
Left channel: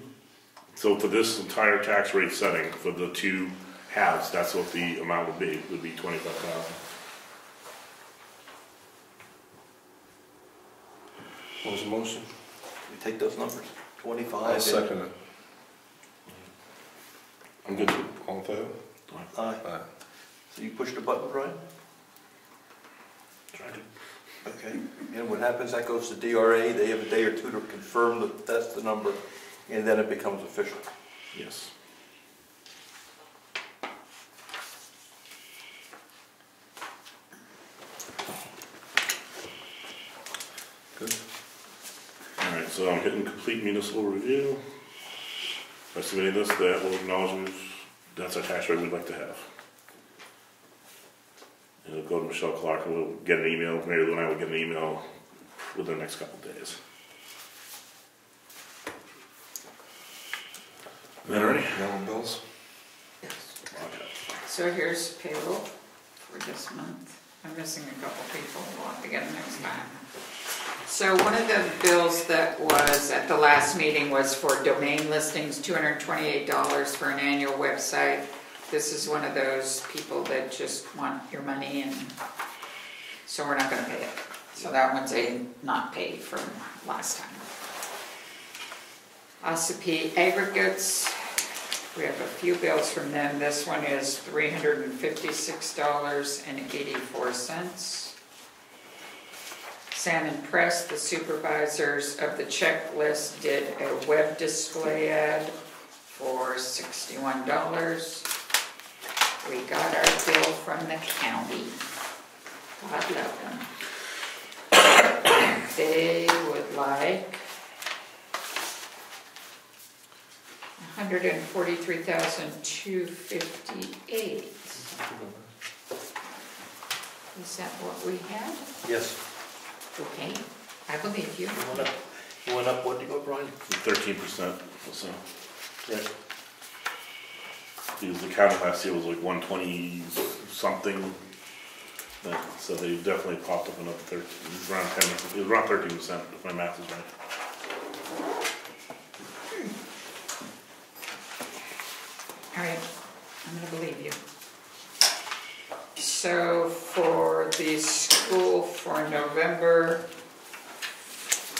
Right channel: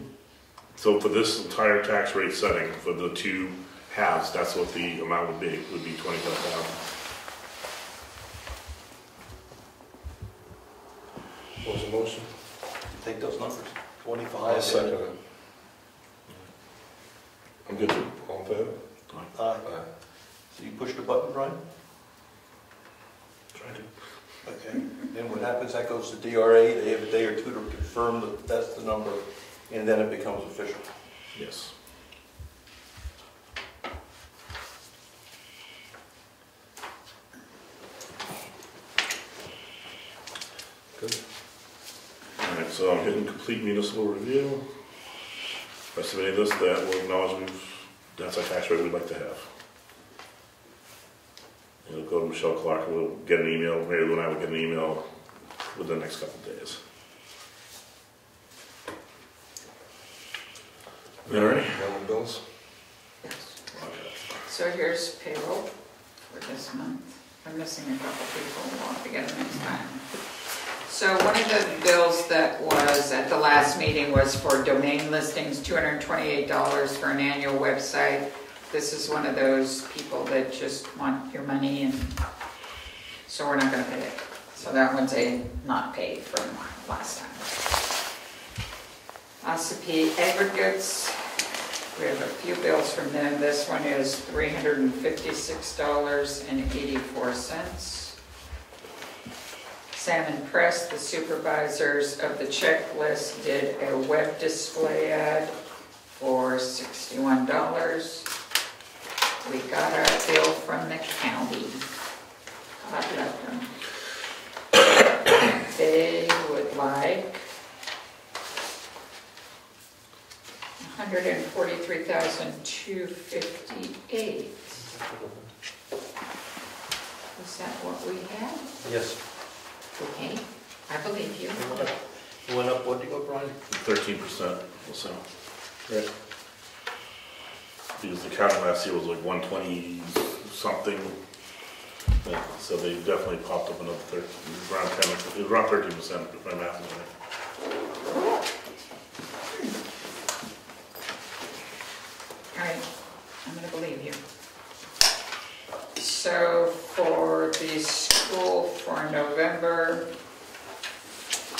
So for this entire tax rate setting for the 2 halves, that's what the amount would be. Would be 25,000. What's the motion? You take those numbers, 25. I'll second it. I'm good. All in favor? Aye. Aye. So you push the button, Brian? Try to. Okay. And what happens, that goes to DRA, they have a day or two to confirm that that's the number, and then it becomes official. Yes. Good. All right, so I'm hitting complete municipal review. By submitting this, that will acknowledge that's our tax rate we'd like to have. It'll go to Michelle Clark, and we'll get an email, Mary Lou and I will get an email within the next couple of days. All right. Gallon bills? Yes. So here's payroll for this month. I'm missing a couple people, we'll have to get it next time. So one of the bills that was at the last meeting was for domain listings, $228 for an annual website. This is one of those people that just want your money, and so we're not going to pay it. So that one's not paid from last time. Ossipee Aggregates, we have a few bills from them. This one is $356.84. Salmon Press, the supervisors of the checklist, did a web display ad for $61. We got our bill from the county. God love them. They would like $143,258. Is that what we had? Yes. Okay, I believe you. Went up, what did you go, Brian? 13% or so. Yeah. Because the county last year was like 120 something. So they definitely popped up another 13, around 13%, if my math is right. All right, I'm going to believe you. So for the school for November,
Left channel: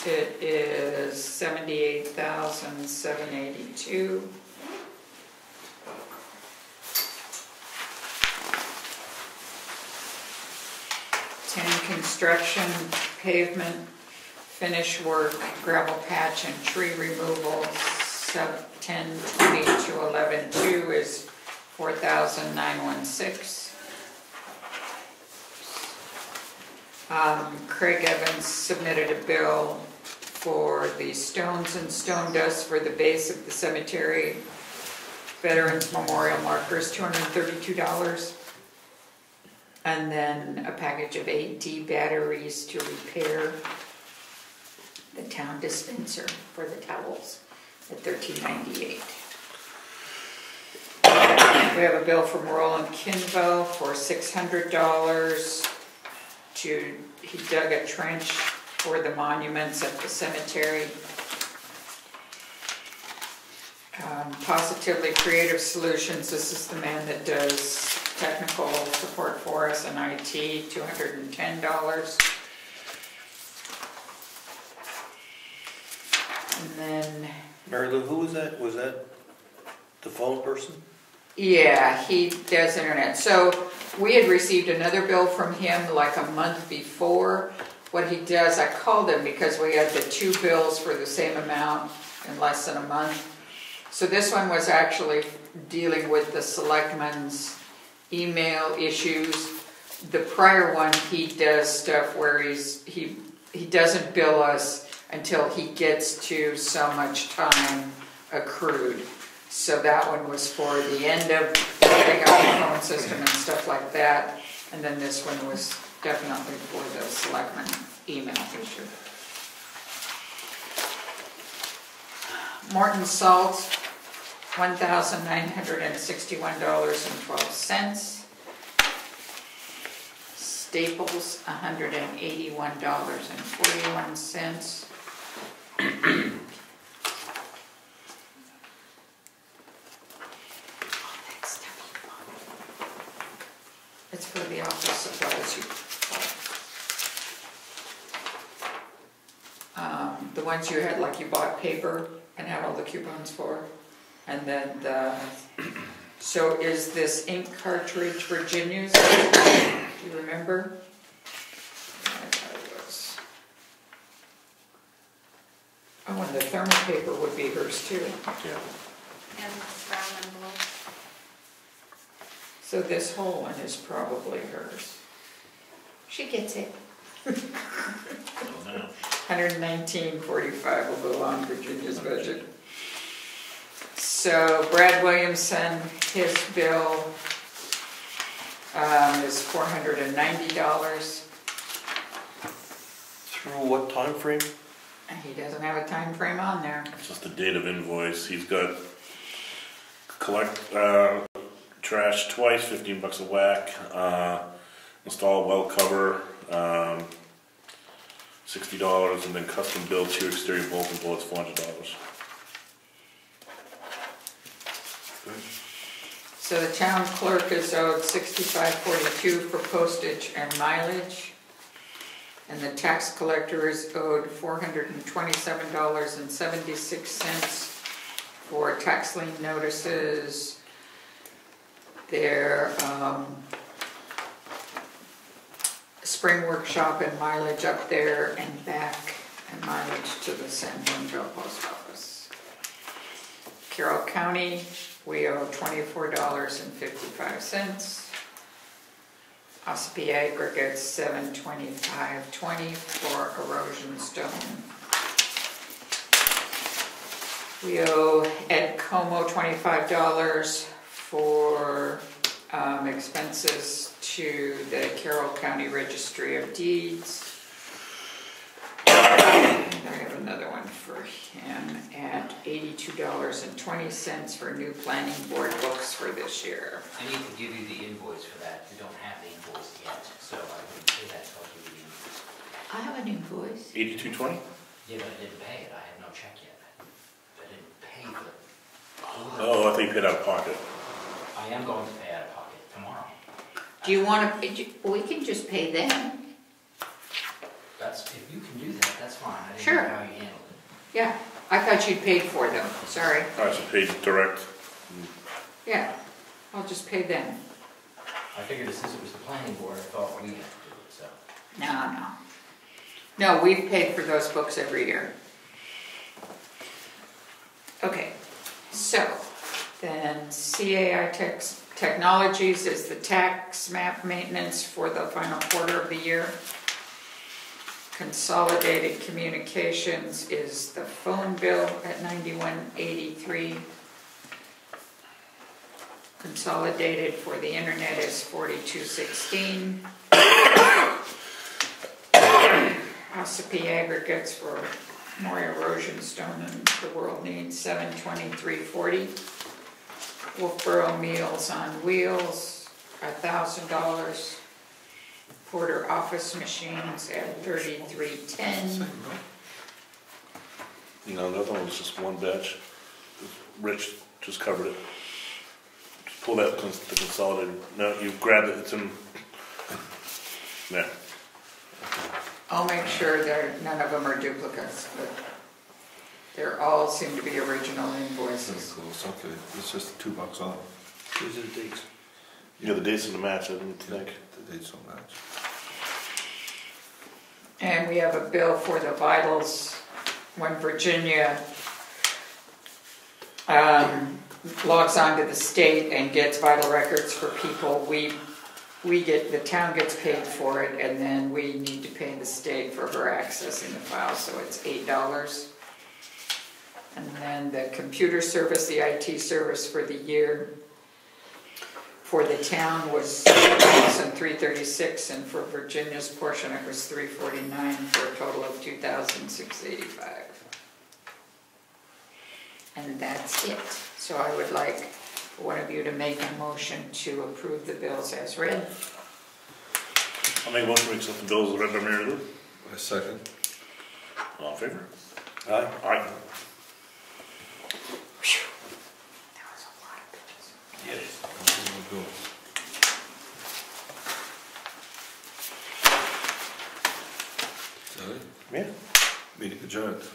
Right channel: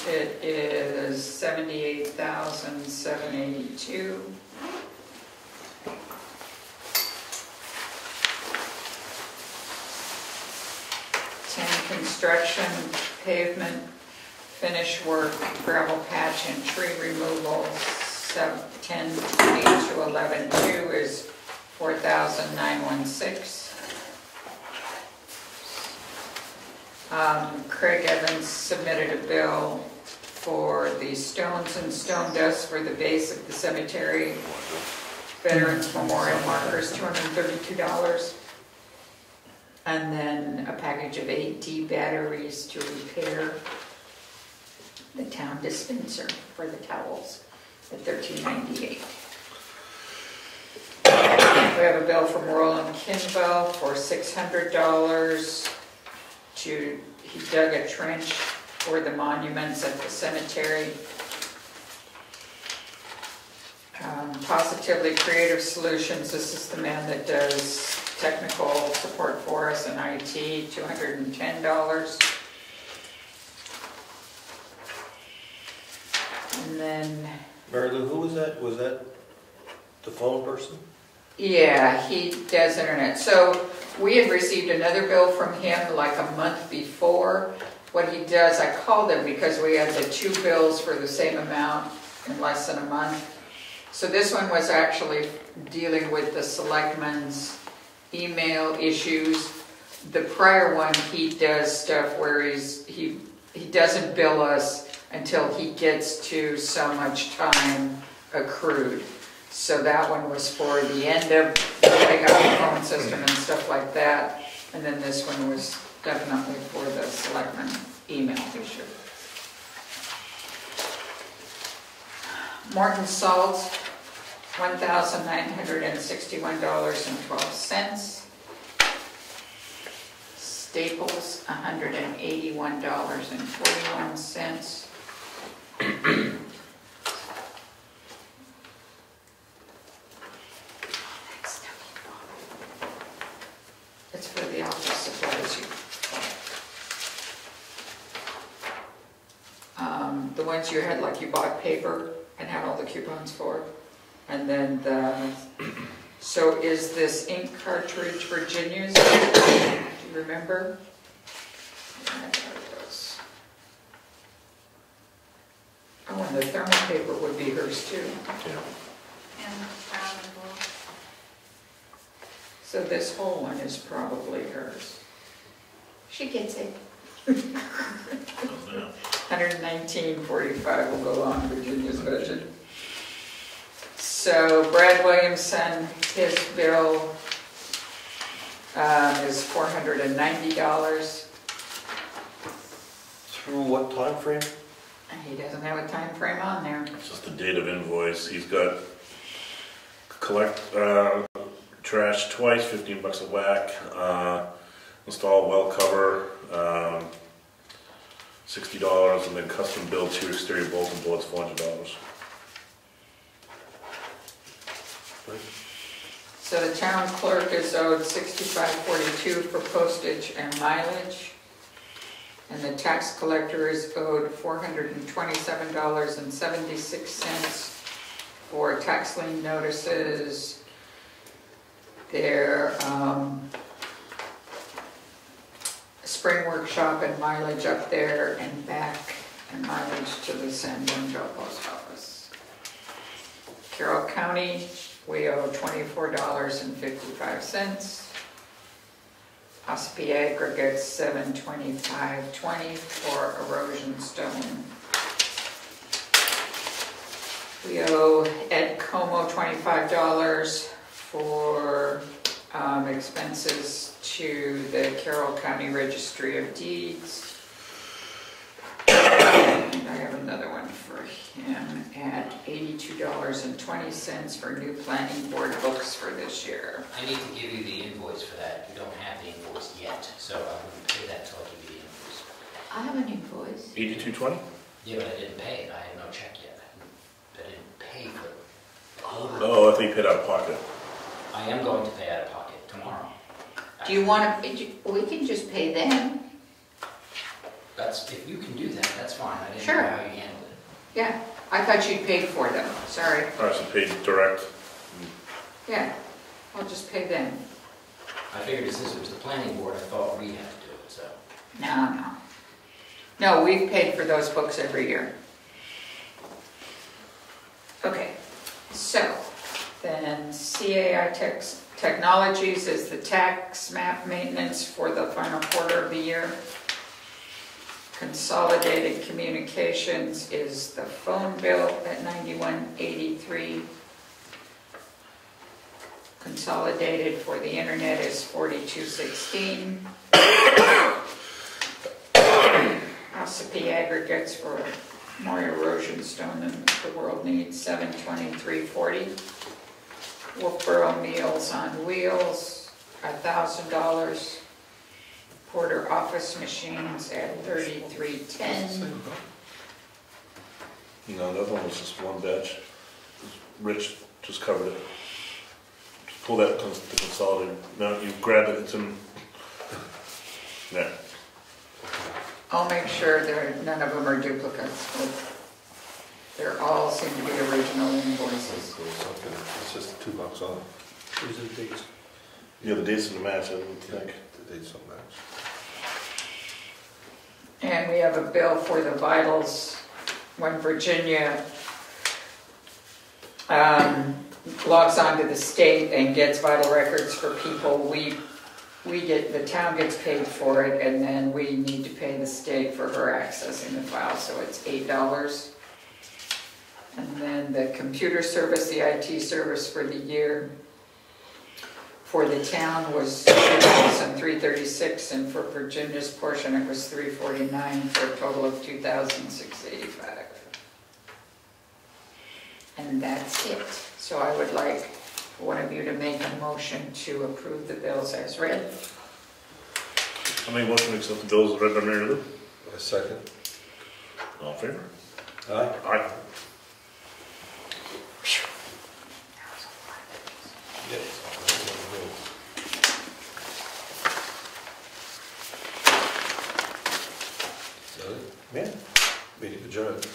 it is $78,782. Construction, pavement, finish work, gravel patch, and tree removal, 10/20 to 11/2 is $4,916. Craig Evans submitted a bill for the stones and stone dust for the base of the cemetery. Veterans Memorial markers, $232. And then a package of 8D batteries to repair the town dispenser for the towels at $13.98. We have a bill from Roland Kinvo for $600 he dug a trench for the monuments at the cemetery. Positively Creative Solutions, this is the man that does technical support for us in IT, $210. And then, Mary Lou, who was that? Was that the phone person? yeah, he does internet. So we had received another bill from him like a month before. What he does, I called him because we had the two bills for the same amount in less than a month. So this one was actually dealing with the selectmen's email issues. The prior one, he does stuff where he doesn't bill us until he gets to so much time accrued. So that one was for the end of getting out the phone system and stuff like that. And then this one was definitely for the selectmen email issue. Morton Salt, $1,961.12. Staples, $181.41. It's for the office supplies. The ones you had, like you bought paper and had all the coupons for. And then so is this ink cartridge Virginia's? Do you remember? Yeah, there it was. Oh, and the thermal paper would be hers too. And brown and blue. So this whole one is probably hers. She gets it. $119.45 will go on Virginia's budget. So Brad Williamson, his bill is $490. Through what time frame? And he doesn't have a time frame on there. It's just the date of invoice. He's got collect trash twice, $15 a whack. Install well cover, $60, and then custom build 2 exterior bolts and bullets, $400. So the town clerk is owed $65.42 for postage and mileage. And the tax collector is owed $427.76 for tax lien notices. Their spring workshop and mileage up there and back, and mileage to the San Antonio post office. Carroll County, we owe $24.55. Ospey Aggregates, $725.20 for erosion stone. We owe Ed Comeau $25 for expenses to the Carroll County Registry of Deeds. And I have another one for him at $82.20 for new planning board books for this year. I need to give you the invoice for that. You don't have the invoice yet, so I'm going to pay that till I give you the invoice. I have an invoice. $82.20? Yeah, but I didn't pay it. I have no check yet. I didn't pay the... Oh, I think you paid out of pocket. I am going to pay out of pocket tomorrow. Do you want to, we can just pay them. That's, if you can do that, that's fine. I didn't Sure. know how you handled it. Yeah, I thought you paid for them, sorry. All right, so paid direct. Yeah, I'll just pay them. I figured since it was the planning board, I thought we'd have to do it, so. No. No, we've paid for those books every year. Okay, so then CAI Technologies is the tax map maintenance for the final quarter of the year. Consolidated Communications is the phone bill at $91.83. Consolidated for the internet is $42.16. Ossipee Aggregates for more erosion stone than the world needs, $723.40. Wolfboro Meals on Wheels, $1,000. Porter Office Machines at $33.10. You know, another one was just one batch. Rich just covered it. Just pull that to consolidate. No, you grab it, it's in. Yeah. I'll make sure that none of them are duplicates. They're all seem to be original invoices. It's just $2 off. These are the dates. You know, the dates of the match, I think. The dates don't match. And we have a bill for the vitals when Virginia logs onto the state and gets vital records for people. The town gets paid for it, and then we need to pay the state for her accessing the file, so it's $8. And then the computer service, the IT service for the year for the town was $336, and for Virginia's portion it was $349, for a total of $2,685. And that's it. So I would like one of you to make a motion to approve the bills as read. I'll make a motion to accept the bills as read by Mary Lou. A second. All in favor? Aye. Aye. Is that it? Yeah. Meeting adjourned.